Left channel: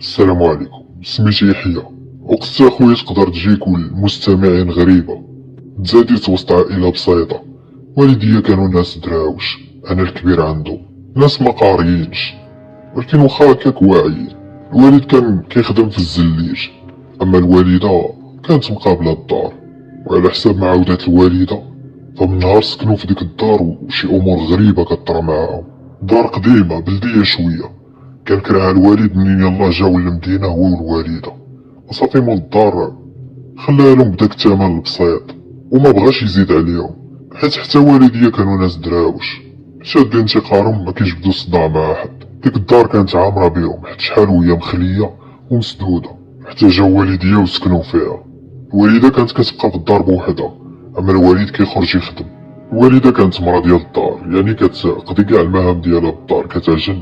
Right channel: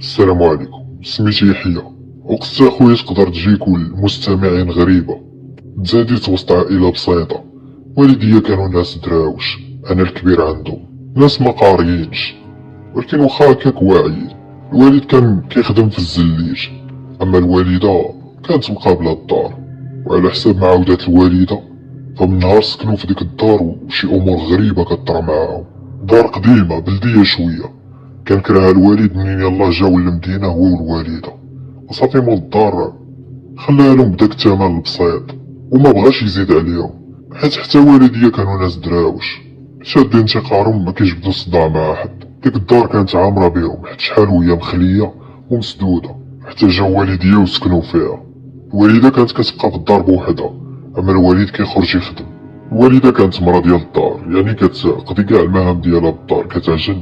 السلام عليكم، سميتي يحيى. وقصة خويا تقدر تجيك المستمعين غريبة. تزاديت وسط عائلة بسيطة، والديا كانوا ناس دراوش، أنا الكبير عندهم، ناس ما قاريينش، ولكن واخا هكاك واعيين. الوالد كان كيخدم في الزليج، أما الوالدة كانت مقابلة الدار. وعلى حساب ما عاودات الوالدة، فمن نهار سكنوا في ديك الدار وشي أمور غريبة كطرا معاهم. دار قديمة بلدية شوية، كان كرهها الوالد منين يلاه جاو للمدينة هو والوالدة، وصافي مول الدار خلاها لهم بداك الثمن البسيط وما بغاش يزيد عليهم، حيت حتى والديا كانوا ناس دراوش شادين انتقارهم ما كيجبدو صداع مع حد. ديك الدار كانت عامرة بيهم حيت شحال وهي مخلية ومسدودة، حتى جاو والديا وسكنوا فيها. الوالدة كانت كتبقى في الدار بوحدها، أما الوالد كيخرج يخدم. الوالدة كانت مرا ديال الدار، يعني كتقضي كاع المهام ديالها بالدار، كتعجن،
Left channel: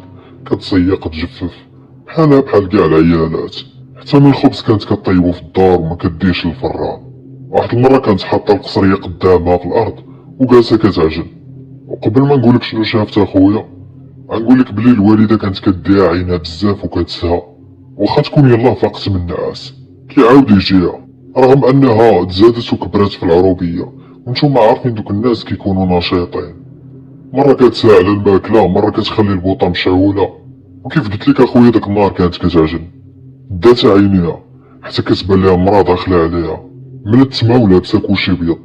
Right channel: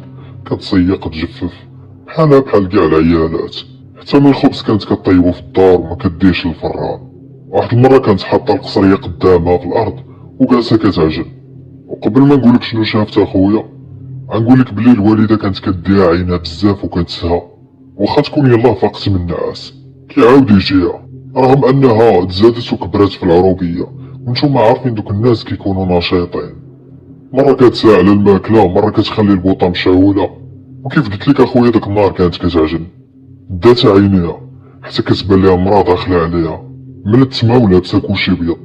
كتسيق، تجفف، بحالها بحال كاع العيالات. حتى من الخبز كانت كطيبو في الدار وما كديش للفران. واحد المرة كانت حاطة القصرية قدامها في الأرض وجالسة كتعجن. وقبل ما نقولك شنو شافت اخويا، غنقولك بلي الوالدة كانت كديها عينها بزاف وكتسها، واخا تكون يلاه فاقت من النعاس كيعاود يجيها، رغم انها تزادت وكبرات في العروبية، وانتوما عارفين دوك الناس كيكونوا نشيطين. مرة كتساء على الماكلة، مرة كتخلي البوطة مشعولة. وكيف قلتلك اخويا ديك النهار كانت كتعجن، دات عينيها حتى كتبان ليها مرا داخلة عليها، ملتمة ولابسة كلشي بيض،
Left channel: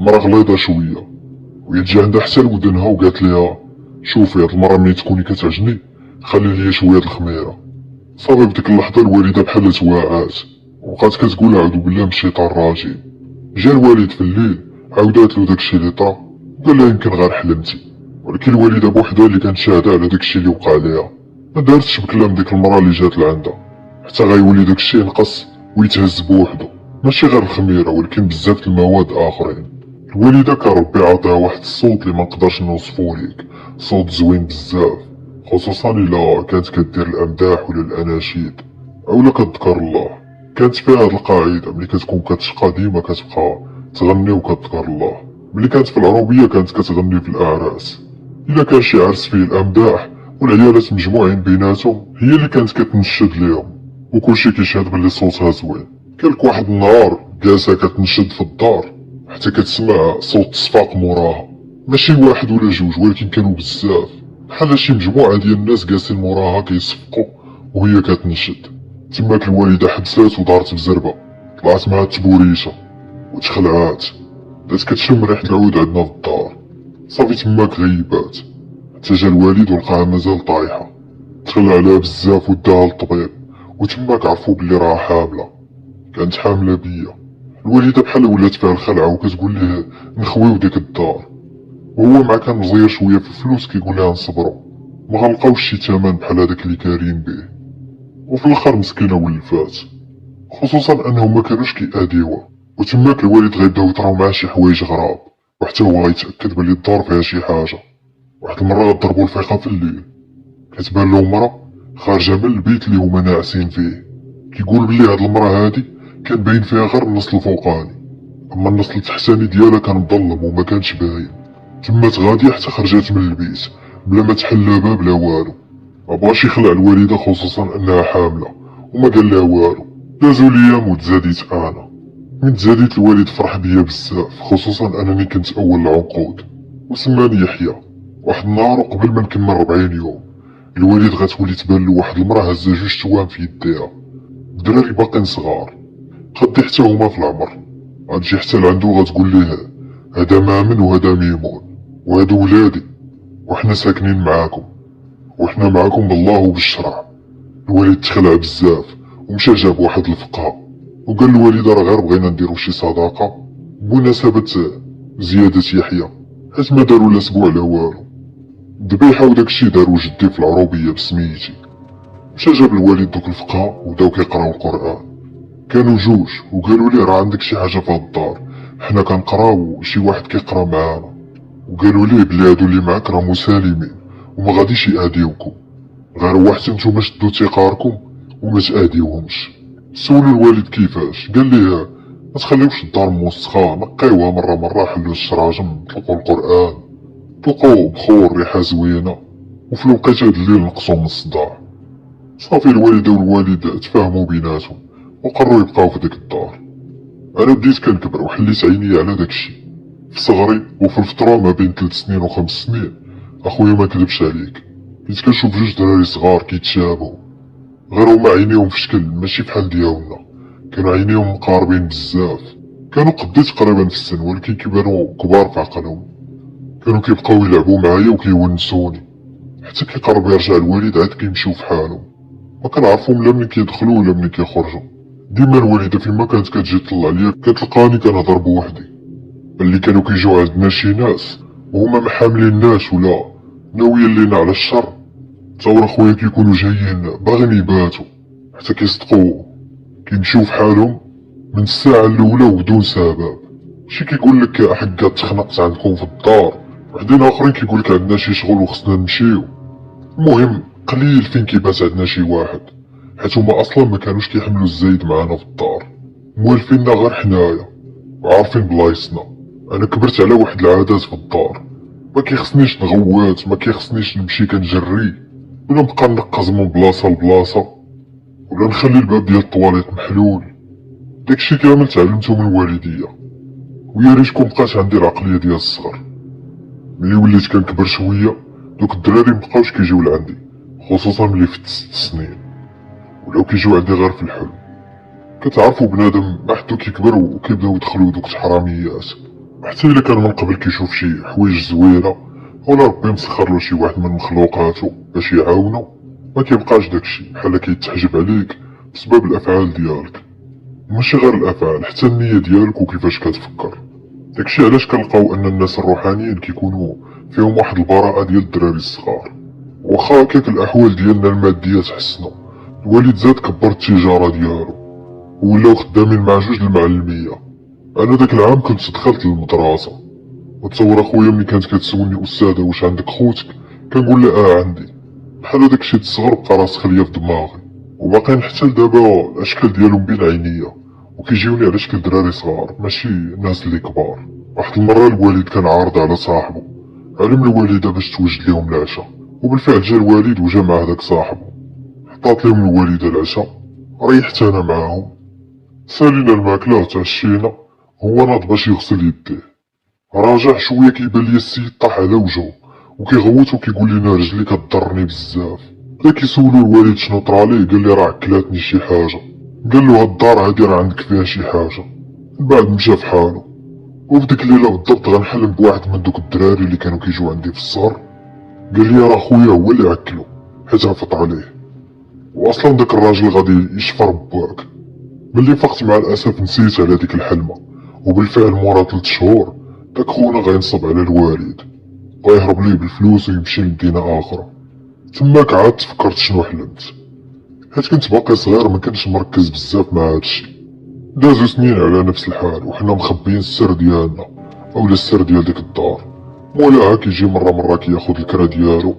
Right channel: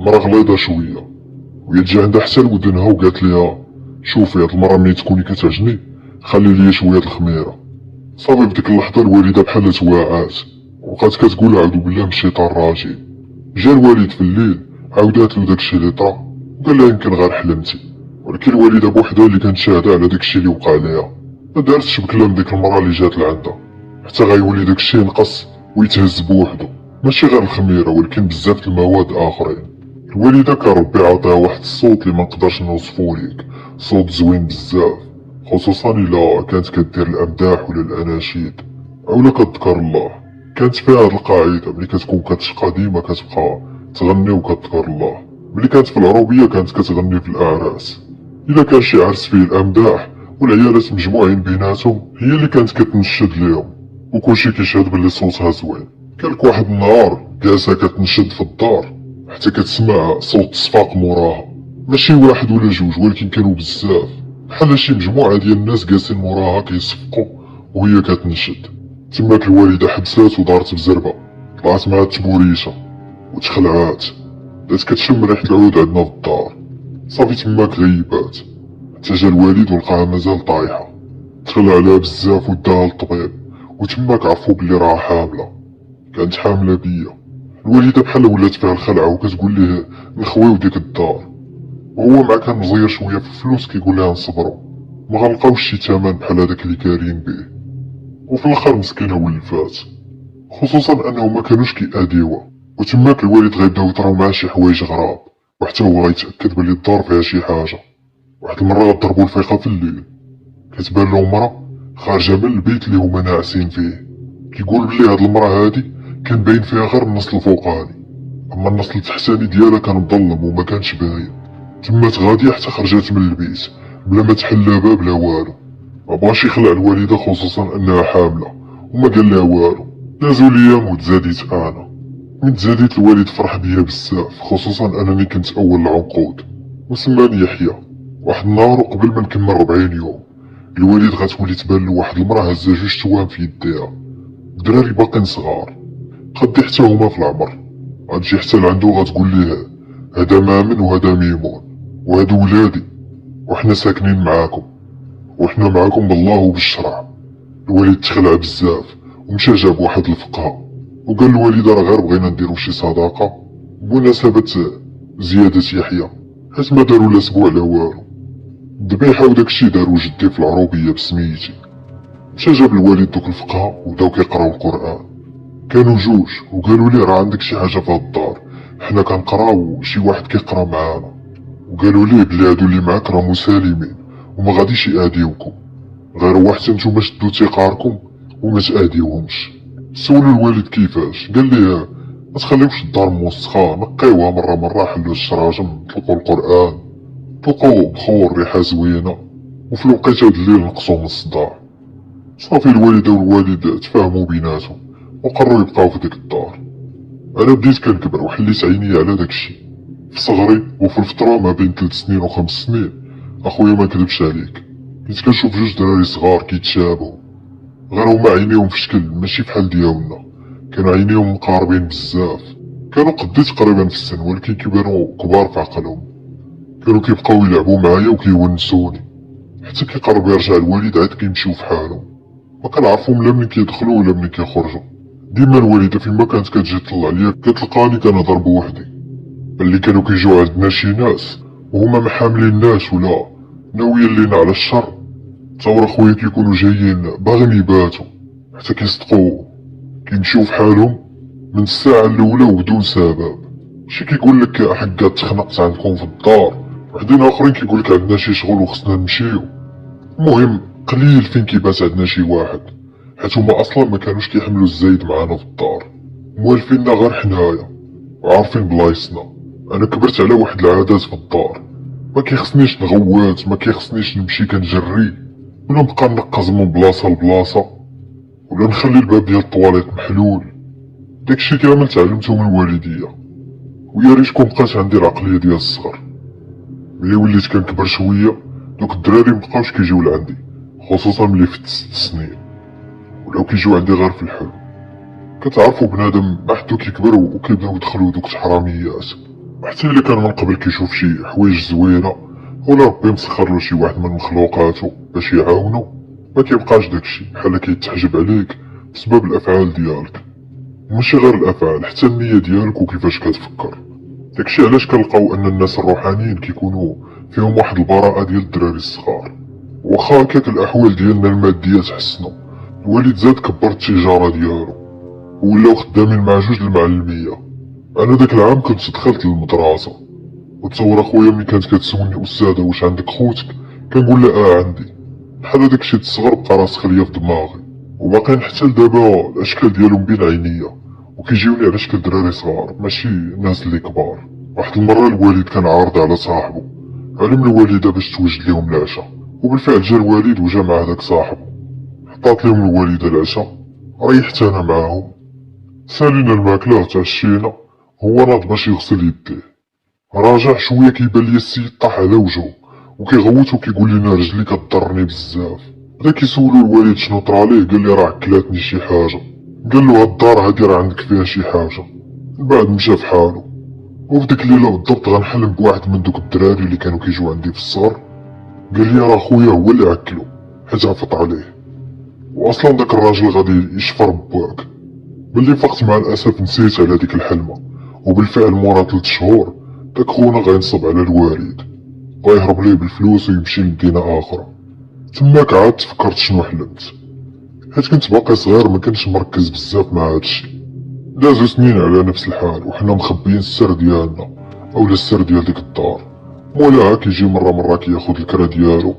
مرا غليظة شوية، وهي تجي عندها حتى لودنها وقالت ليها شوفي هاد المرة ملي تكوني كتعجني خلي ليا شوية د الخميرة. صافي في ديك اللحظة الوالدة بحال توعات، وبقات كتقول اعوذ بالله من الشيطان الرجيم. جا الوالد في الليل عاوداتلو داكشي اللي طرا، وقال لها يمكن غير حلمتي. ولكن الوالدة بوحدها اللي كانت شاهدة على داكشي اللي وقع ليها، ما دارتش بكلام ديك المرا اللي جات لعندها، حتى غيولي داكشي ينقص ويتهز بوحدو، ماشي غير الخميرة ولكن بزاف د المواد اخرين. الوالدة كان ربي عطاها واحد الصوت اللي منقدرش نوصفو ليك، صوت زوين بزاف، خصوصا الا كانت كدير الامداح ولا الاناشيد اولا كتذكر الله. كانت فيها هاد القاعدة، ملي كتكون كتشقى ديما كتبقى تغني وكتذكر الله. ملي كانت في العروبية كانت كتغني في الاعراس، الا كان شي عرس فيه الامداح والعيالات مجموعين بيناتهم هي اللي كانت كتنشد ليهم، وكلشي كيشهد بلي صوتها زوين. كانت واحد النهار جالسة كتنشد في الدار حتى كتسمع صوت صفاق موراها، ماشي واحد ولا جوج ولكن كانوا بزاف، بحال شي مجموعة ديال الناس جالسين موراها كيصفقوا وهي كتنشد. تماك الوالدة حبسات ودارت بزربة، طلعت مع التبوريشة وتخلعات، بدات كتشم ريحة العود عندنا في الدار. صافي تماك غيبات حتى جا الوالد ولقاها مازال طايحة، تخلع عليها بزاف وداها للطبيب، وتماك عرفو بلي راها حاملة، كانت حاملة بيا. الوالدة بحال ولات فيها الخلعة وكتقول ليه نخويو ديك الدار، وهو مع كان مزير شوية في الفلوس كيقول لها نصبرو، ما غنلقاوش شي تمن بحال هداك اللي كارين بيه. وفي الاخر مسكينة ولفات، خصوصا انهم ما كانوش كيأديوها. وتماك الوالد غيبداو يطراو معاه شي حوايج غراب، وحتى هو غيتأكد بلي الدار فيها شي حاجة. واحد المرة غضربو الفيقة في الليل، كتبان له مرا خارجة من البيت اللي هما ناعسين فيه، كيقول بلي هاد المرا هادي كان باين فيها غير النصل الفوقاني، اما النصل التحتاني ديالها كان مظلم وما كانش باين. تمات غادية حتى خرجات من البيت بلا ما تحل باب لا والو. ما بغاش يخلع الوالدة خصوصا انها حاملة، وما قال لها والو. دازو ليام وتزاديت انا، من تزاديت الوالد فرح بيا بزاف، خصوصا انني كنت اول العنقود وسماني يحيى. واحد النهار وقبل ما نكمل 40 يوم، الوالد غتولي تبان له واحد المراه هزه جوج توام في يديها، الدراري باقين صغار قدي حتى هما في العمر. غتجي حتى لعندو غتقول ليه هذا مامن وهذا ميمون وهادو ولادي، وحنا ساكنين معاكم، وحنا معاكم بالله وبالشرع. الوالد تخلع بزاف ومشى جاب واحد الفقهاء وقال الوالدة راه غير بغينا نديرو شي صداقة بمناسبة زيادة يحيى، حيت ما دارو لا سبوع لا والو. الذبيحة وداكشي دارو جدي في العروبية بسميتي. مشى جاب الوالد دوك الفقهاء وبداو كيقراو القرآن، كانوا جوج وقالوا ليه راه عندك شي حاجة في هاد الدار، حنا كنقراو شي واحد كيقرا معانا، وقالوا ليه بلي هادو اللي معاك راه مسالمين وما غاديش يأذيوكم، غير هو حتى نتوما شدو تيقاركم وما تأذيوهمش. سولو الوالد كيفاش، قال ليه ما تخليوش الدار موسخة، نقيوها مرة حلو الشراجم، طلقوا القرآن، طلقوا بخور ريحة زوينة، وفي الوقيته د الليل نقصو من الصداع. صافي الوالدة والوالد تفاهموا بيناتهم وقرروا يبقاو في ديك الدار. انا بديت كنكبر وحليت عيني على داكشي. في صغري وفي الفترة ما بين 3 سنين و5 سنين، اخويا ما كذبش عليك، كنت كنشوف جوج دراري صغار كيتشابهوا، غير هما عينيهم في شكل ماشي بحال ديالنا، كانوا عينيهم مقاربين بزاف، كانوا قدي تقريبا في السن ولكن كيبانو كبار في عقلهم. كانوا كيبقاو يلعبوا معايا وكيونسوني، حتى كيقرب يرجع الوالد عاد كيمشيو في حالهم، ما كنعرفهم لا منين كيدخلوا ولا منين كيخرجوا. ديما الوالدة فيما كانت كتجي تطلع ليا كتلقاني كنهضر بوحدي، اللي كانوا كيجيو عندنا شي ناس وهما محاملين الناس ولا ناويين لينا على الشر، تصور خويا كيكونوا جايين باغيين يباتوا حتى كيصدقوا كيمشيو في حالهم من الساعة الأولى وبدون سبب. شي كيقولك حكا تخنقت عندكم في الدار، وحدين آخرين كيقولك عندنا شي شغل وخصنا نمشيو. المهم قليل فين كيبات عندنا شي واحد، حيت هما أصلا ما كانوش كيحملوا الزايد معانا في الدار، موالفيننا غير حنايا وعارفين بلايصنا. أنا كبرت على واحد العادات في الدار، ما كيخصنيش نغوات، ما كيخصنيش نمشي كنجري ولا نبقى نقز من بلاصة لبلاصة ولا نخلي الباب ديال الطواليط محلول. داكشي كامل تعلمتو من والديا، ويا ريت مبقاش عندي العقلية ديال الصغر. ملي وليت كنكبر شوية دوك الدراري مبقاوش كيجيو لعندي، خصوصا ملي فت 6 سنين، ولاو كيجيو عندي غير في الحلم. كتعرفوا بنادم ما حدو كيكبر وكيبداو يدخلوا دوك الحراميات، حتى الا كان من قبل كيشوف شي حوايج زوينة ولا ربي مسخرلو شي واحد من مخلوقاتو باش يعاونو، ما كيبقاش داكشي بحال كيتحجب عليك بسبب الافعال ديالك، وماشي غير الافعال حتى النية ديالك وكيفاش كتفكر. داكشي علاش كنلقاو ان الناس الروحانيين كيكونوا فيهم واحد البراءة ديال الدراري الصغار. واخا هكاك الاحوال ديالنا المادية تحسنوا، الوالد زاد كبر التجارة ديالو ولاو خدامين مع جوج المعلمية. انا داك العام كنت دخلت للمدرسة، وتصور اخويا ملي كانت كتسولني استاذة واش عندك خوتك كنقول لها عندي، بحال داكشي الصغر بقى راسخ ليا في دماغي، وباقيين حتى لدابا الاشكال ديالهم بين عينيا وكيجيوني على شكل دراري صغار ماشي ناس اللي كبار. واحد المرة الوالد كان عارض على صاحبه، علم الوالدة باش توجد ليهم العشاء، وبالفعل جا الوالد وجا مع هداك صاحبه، حطات لهم الوالدة العشاء، ريحت انا معاهم، سالينا الماكلة تعشينا، هو ناض باش يغسل يديه، راجع شوية كيبان لي السيد طاح على وجهه وكيغوت وكيقول لنا رجلي كضرني بزاف. بدا كيسولو الوالد شنو طراليه، قال لي راه كلاتني شي حاجة، قال له هاد الدار هادي راه عندك فيها شي حاجة. من بعد مشى في حاله، وفي ديك الليلة بالضبط غنحلم بواحد من دوك الدراري اللي كانوا كيجيو عندي في الصار، قال لي راه خويا هو اللي عكلو حيت هفط عليه، واصلا داك الراجل غادي يشفر بواك. ملي فقت مع الاسف نسيت على ديك الحلمة، وبالفعل مورا 3 شهور داك خونا غينصب على الوالد، غيهرب ليه بالفلوس ويمشي لمدينة اخرى. تماك عاد تفكرت شنو حلمت، حيت كنت باقي صغير ما كنتش مركز بزاف مع هادشي. دازو سنين على نفس الحال وحنا مخبيين السر ديالنا اولا السر ديال ديك الدار. مولاها كيجي مرة كياخد الكرا ديالو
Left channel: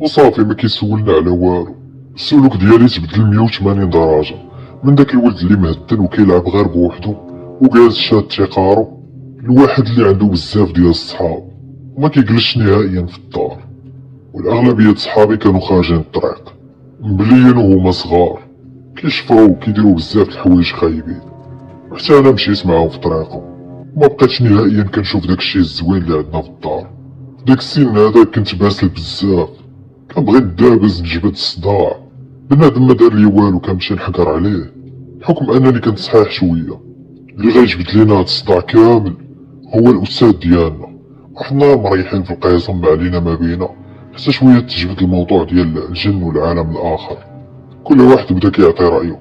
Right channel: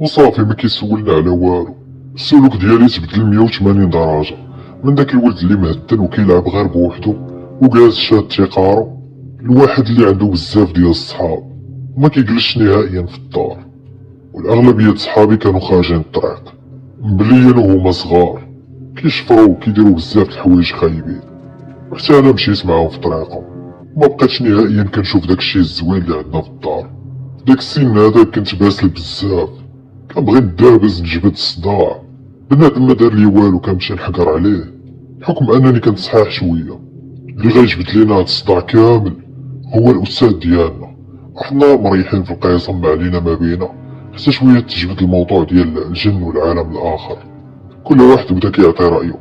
وصافي ما كيسولنا على والو. السلوك ديالي تبدل 180 درجة، من داك الولد اللي مهدن وكيلعب غير بوحدو وجالس شاد تيقارو، الواحد اللي عنده بزاف ديال الصحاب وما كيجلسش نهائيا في الدار. والاغلبية صحابي كانوا خارجين الطريق مبليين وهما صغار، كيشفروا وكيديروا بزاف د الحوايج خايبين، وحتى انا مشيت معاهم في طريقهم. ما بقيتش نهائيا كنشوف داكشي الزوين اللي عندنا في الدار. داك السن هذا كنت باسل بزاف، كنبغي ندابز نجبد الصداع، بنادم ما دار لي والو كنمشي نحقر عليه بحكم انني كنت صحيح شويه. اللي غيجبد لينا هاد الصداع كامل هو الاستاذ ديالنا، وحنا مريحين في القسم ما علينا ما بينا حتى شويه تجبد الموضوع ديال الجن والعالم الاخر. كل واحد بدا كيعطي رايه،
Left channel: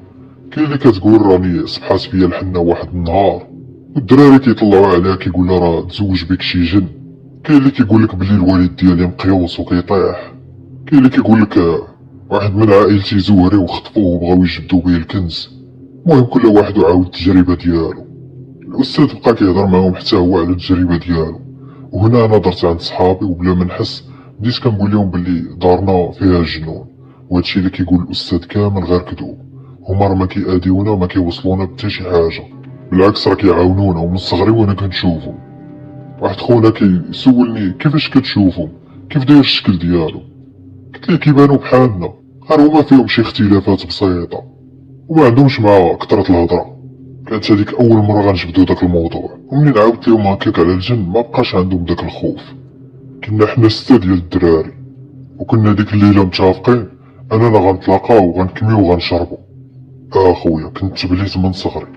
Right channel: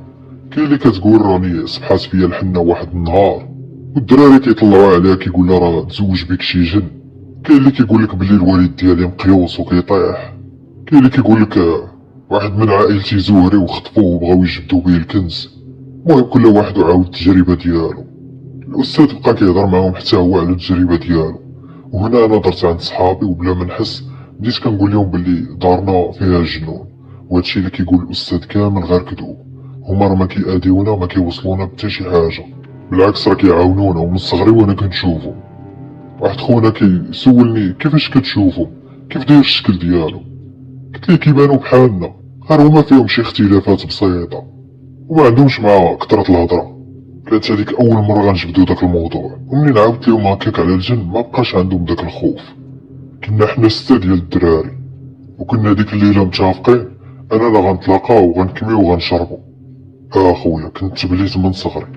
كاين اللي كتقول راني صبحات فيا الحنه واحد النهار والدراري كيطلعوا عليها كيقول لها راه تزوج بك شي جن، كاين اللي كيقول لك بلي الوالد ديالي مقيوس وكيطيح، كاين اللي كيقول لك واحد من عائلتي زهري وخطفوه وبغاو يجبدوا بيه الكنز. المهم كل واحد وعاود التجربه ديالو. الاستاذ بقى كيهضر معاهم حتى هو على التجربه ديالو، وهنا انا درت عند صحابي وبلا ما نحس بديت كنقول لهم بلي دارنا فيها جنون، وهادشي اللي كيقول الاستاذ كامل غير كذوب. هما راه ما كيأذيونا وما كيوصلونا بتا شي حاجه، بالعكس راه كيعاونونا ومن صغري وانا كنشوفو. واحد خونا كيسولني كيفاش كتشوفو، كيف داير الشكل ديالو، قلت ليه كيبانو بحالنا غير هما فيهم شي اختلافات بسيطة وما عندهمش مع كترة الهضرة. كانت هاديك أول مرة غنجبدو داك الموضوع، ومنين عاودت ليهم هكاك على الجنب مبقاش عندهم داك الخوف. كنا حنا 6 ديال الدراري، وكنا ديك الليلة متفقين أننا غنتلاقاو وغنكميو وغنشربو. خويا كنت تبليت من صغري،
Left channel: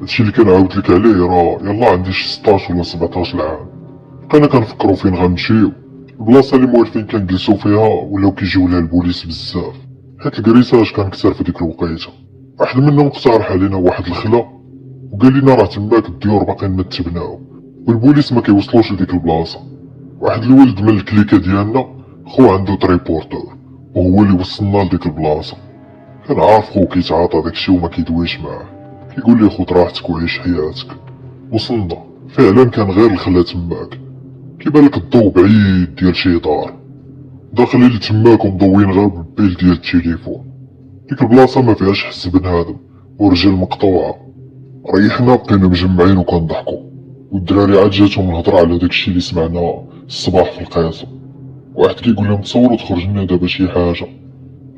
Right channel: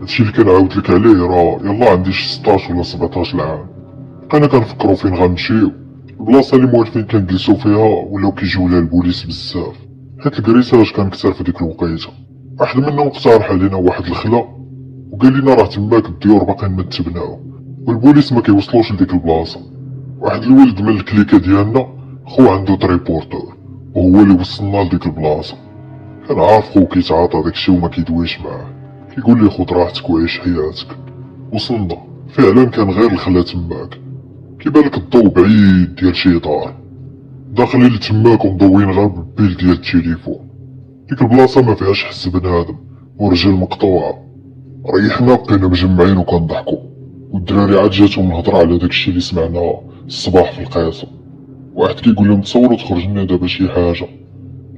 هادشي اللي كنعاود لك عليه راه يلا عندي شي 16 ولا 17 عام. بقينا كنفكرو فين غنمشيو. البلاصة اللي موالفين كنجلسو فيها ولاو كيجيو لها البوليس بزاف، حيت الكريساج كان كتر في ديك الوقيته. واحد منهم اقترح علينا واحد الخلا وقال لنا راه تماك الديور باقيين ما تبناو والبوليس ما كيوصلوش لديك البلاصه. واحد الولد من الكليكه ديالنا خو عنده تريبورتور وهو اللي وصلنا لديك البلاصه. كان عارف خو كيتعاطى داكشي وما كيدويش معاه، كيقول لي خذ راحتك وعيش حياتك. وصلنا فعلا كان غير الخلا تماك، كيبان لك الضو بعيد ديال شي دار، داخلين لتماك ومضوين غير بالبيل ديال التليفون. ديك البلاصه ما فيهاش حس بنادم ورجل مقطوعه. ريحنا بقينا مجمعين وكنضحكو، والدراري عاد جاتهم الهضره على داكشي اللي سمعناه الصباح في القيصر. واحد كيقول لهم تصوروا تخرج لنا دابا شي حاجه،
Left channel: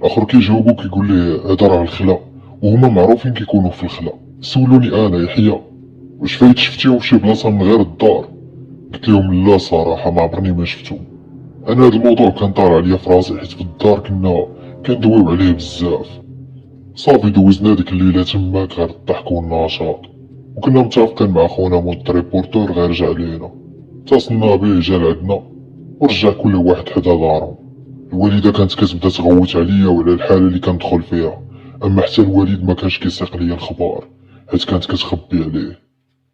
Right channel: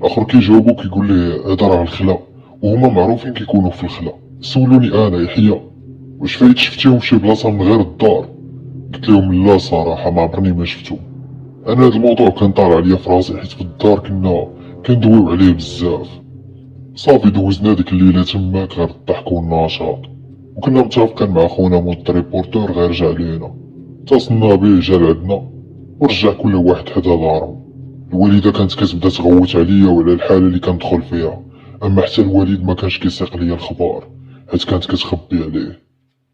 اخر كيجاوبو كيقول ليه هضر على الخلا، وهما معروفين كيكونوا في الخلا. سولوني انا يحيى واش فايت شفتيهم في شي بلاصه من غير الدار؟ قلت لهم لا صراحه ما عمرني ما شفتهم. انا هاد الموضوع كان طار عليا في راسي حيت في الدار كنا كندويو عليه بزاف. صافي دوزنا ديك الليله تماك غير الضحك والنشاط، وكنا متفقين مع خونا مول التريبورتور غير جا علينا. اتصلنا بيه جا لعندنا ورجع كل واحد حدا دارو. الوالده كانت كتبدا تغوت عليا وعلى الحاله اللي كندخل فيها، اما حتى الوالد ما كانش كيسيق ليا الخبار حيت كانت كتخبي عليه.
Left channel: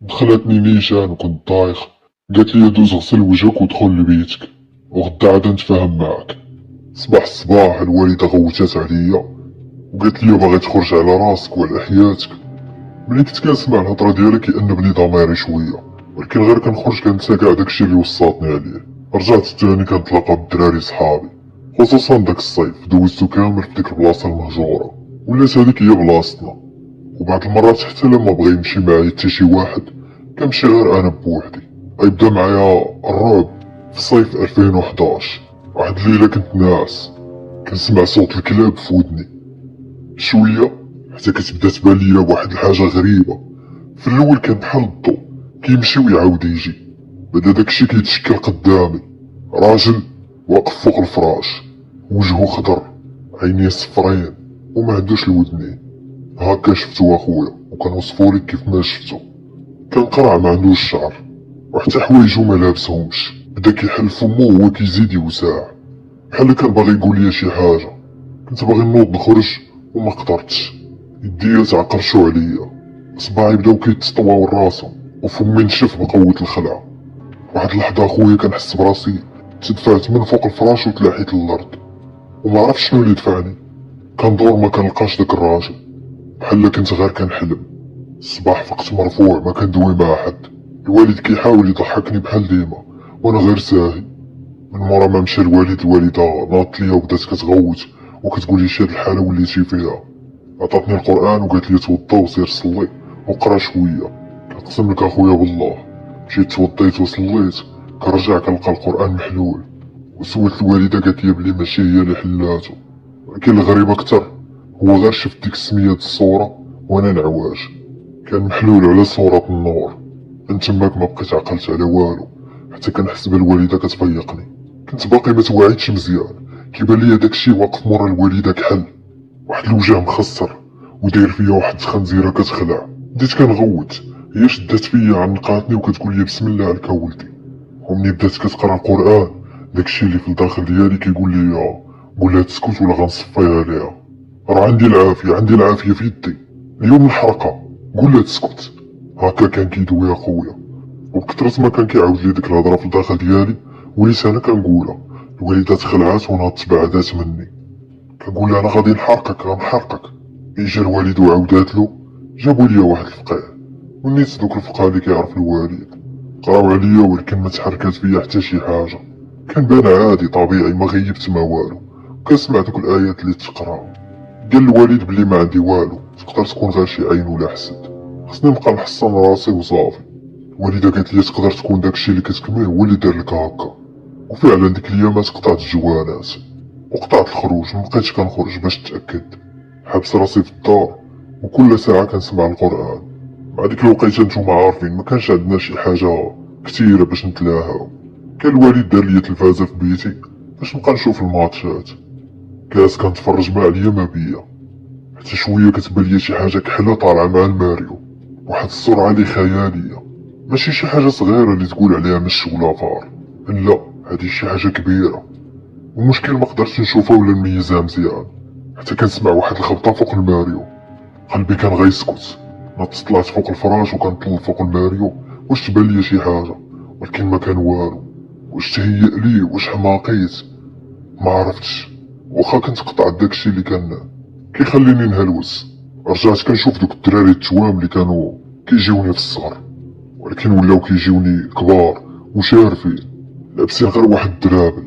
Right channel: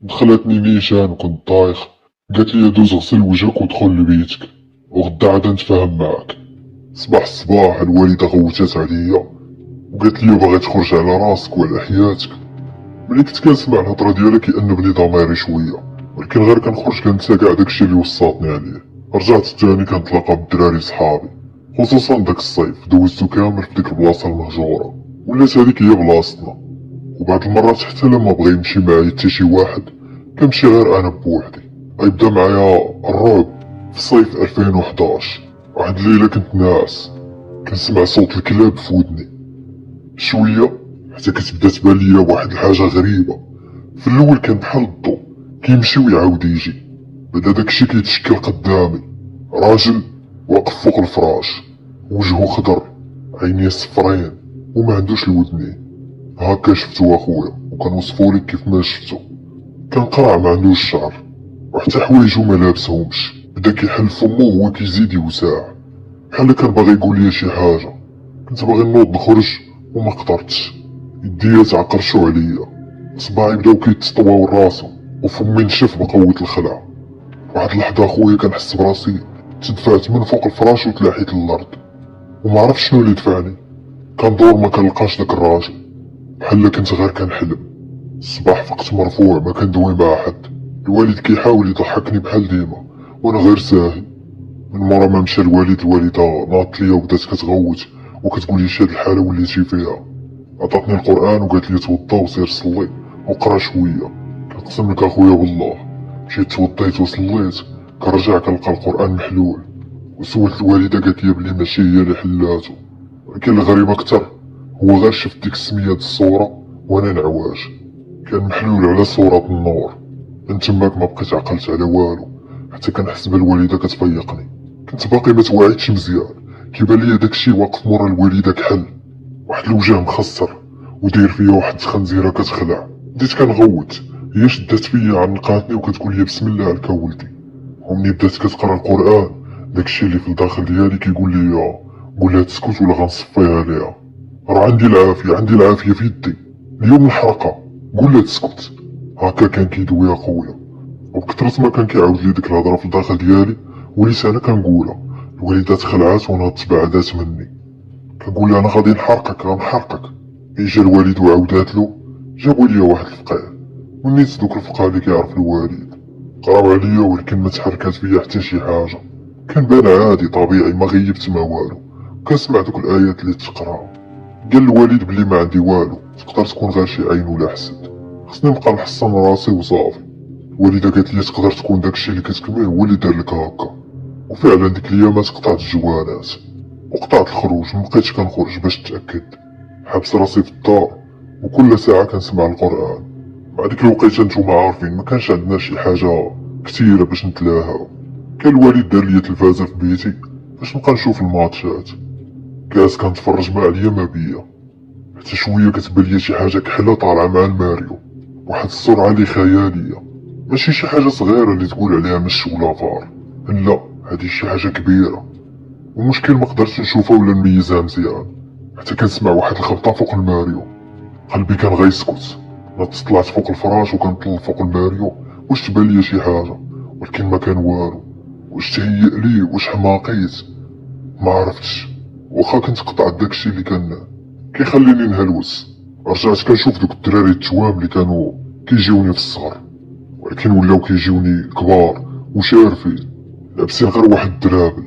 دخلتني نيشان وكنت طايخ، قالت لي دوز غسل وجهك ودخل لبيتك وغدا عاد نتفاهم معاك. صباح الصباح الوالده غوتات عليا وقالت لي باغي تخرج على راسك وعلى حياتك. ملي كنت كنسمع الهضره ديالها كيأنب لي ضميري شويه، ولكن غير كنخرج كنسى كاع داكشي اللي وصاتني عليه. رجعت تاني كنتلاقى بالدراري صحابي، خصوصا داك الصيف دوزتو كامل في ديك البلاصه المهجوره، ولات هذيك هي بلاصتنا. وبعض المرات حتى لما بغى يمشي معايا حتى شي واحد كنمشي غير انا بوحدي. غيبدا معايا الرعب في صيف 2011. واحد الليله كنت ناعس كنسمع صوت الكلاب في ودني شويه حتى كتبدا تبان ليا واحد الحاجه غريبه. في الاول كان بحال الضو كيمشي ويعاود يجي، بدا داكشي كيتشكل قدامي. راجل واقف فوق الفراش، وجهه خضر، عينيه صفرين وما عندوش الودنين. هكا شفتو اخويا وكنوصفولك كيف ما شفتو. كان قرع ما عندوش شعر وحتى حوايجو ما لابسهمش، بدا كيحل فمو وهو كيزيد يوسع بحال كان باغي يقول لي شي حاجه. كنت باغي نوض نخرج وما قدرتش، يديا تعقرشو عليا، صباعي بداو كيتسطواو راسهم وفمي نشف بقوة الخلع. واحد اللحظة خويا كنحس براسي تدفعت من فوق الفراش وتلاحيت للارض، وما عرفت شنو اللي دفعني. كندور ما كنلقاش داك الراجل، بحال كنت غير كنحلم. الصباح فقت مرفوع ما كندوي مع حد، الوالد كيحاول يضحكني بحال ديما وانا غير ساهي. من مورا ما مشى الوالد الوالده ناضت ليا وبدات كتغوت وكتقول لي شاد الحاله وليتي فيها. عطاتني القران وقالت لي توضا وسير صلي وقرا شويه. كنقسم لك اخويا والله مشيت توضيت وصليت، كنرجع كنلقى القران محلول. وسولت الوالده قالت لي بلي ماشي هي اللي حلاتو، ولكن الغريب اكثر هو غير شفت ديك السميه د الصوره وانا العواج كان محلول على صوره النور. من تماك ما بقيت عقلت على والو حتى كنحس بالوالده كتفيقني. كنت باقي ما توعيتش مزيان، كيبان ليا داكشي واقف مورا الوالده كحل، واحد الوجه مخصر وداير فيا واحد الخنزيره كتخلع. بديت كنغوت، هي شدات فيا عنقاتني وكتقول لي بسم الله عليك ولدي. ومني بدات كتقرا القران داكشي اللي في الداخل ديالي كيقول لي قول لها تسكت ولا غنصفيها ليها. راه عندي العافيه، عندي العافيه في يدي. اليوم الحلقه قول لها تسكت. هكا كان كيدوي اخويا، وبكثرة ما كان كيعاود لي ديك الهضره في الداخل ديالي وليت انا كنقولها. الوالده تخلعات وانا تبعدات مني، كنقول لها انا غادي نحرقك غنحرقك. ملي جا الوالد وعاودات له جابوا لي واحد الفقيه، ونيت دوك الفقهاء اللي كيعرف الوالد قراو عليا ولكن ما تحركات فيا حتى شي حاجه. كان بان عادي طبيعي ما غيبت ما والو، كنسمع دوك الايات اللي تقرا. قال الوالد بلي ما عندي والو، تقدر تكون غير شي عين ولا حسد، خصني نبقى نحصن راسي وصافي. الوالده قالت لي تقدر تكون داكشي اللي كتكمل هو اللي دار لك هكا. وفعلا ديك الايامات قطعت الجوانات وقطعت الخروج، مبقيتش كنخرج باش نتأكد. حابس راسي في الدار وكل ساعة كنسمع القرآن. مع ديك الوقيته نتوما عارفين مكانش عندنا شي حاجة كتيرة باش نتلاها. كان الوالد دار ليا تلفازة في بيتي باش نبقى نشوف الماتشات. كاس كنتفرج ما عليا ما بيا، حتى شوية كتبان ليا شي حاجة كحلة طالعة مع الماريو، واحد السرعة لي خيالية، ماشي شي حاجة صغيرة اللي تقول عليها مش ولا فار، لا هادي شي حاجة كبيرة. والمشكل مقدرتش نشوفها ولا نميزها مزيان، حتى كنسمع واحد الخبطة فوق الماريو. قلبي كان غيسكت، نط طلعت فوق الفراش وكنطل فوق الماريو واش تبان ليا شي حاجة، ولكن ما كان والو. واش تهيأ لي، واش حماقيت، ما عرفتش. واخا كنت قطعت داكشي اللي كان كيخليني نهلوس، رجعت كنشوف دوك الدراري التوام اللي كانوا كيجيوني في الصغر، ولكن ولاو كيجيوني كبار وشارفين، لابسين غير واحد الدرابل،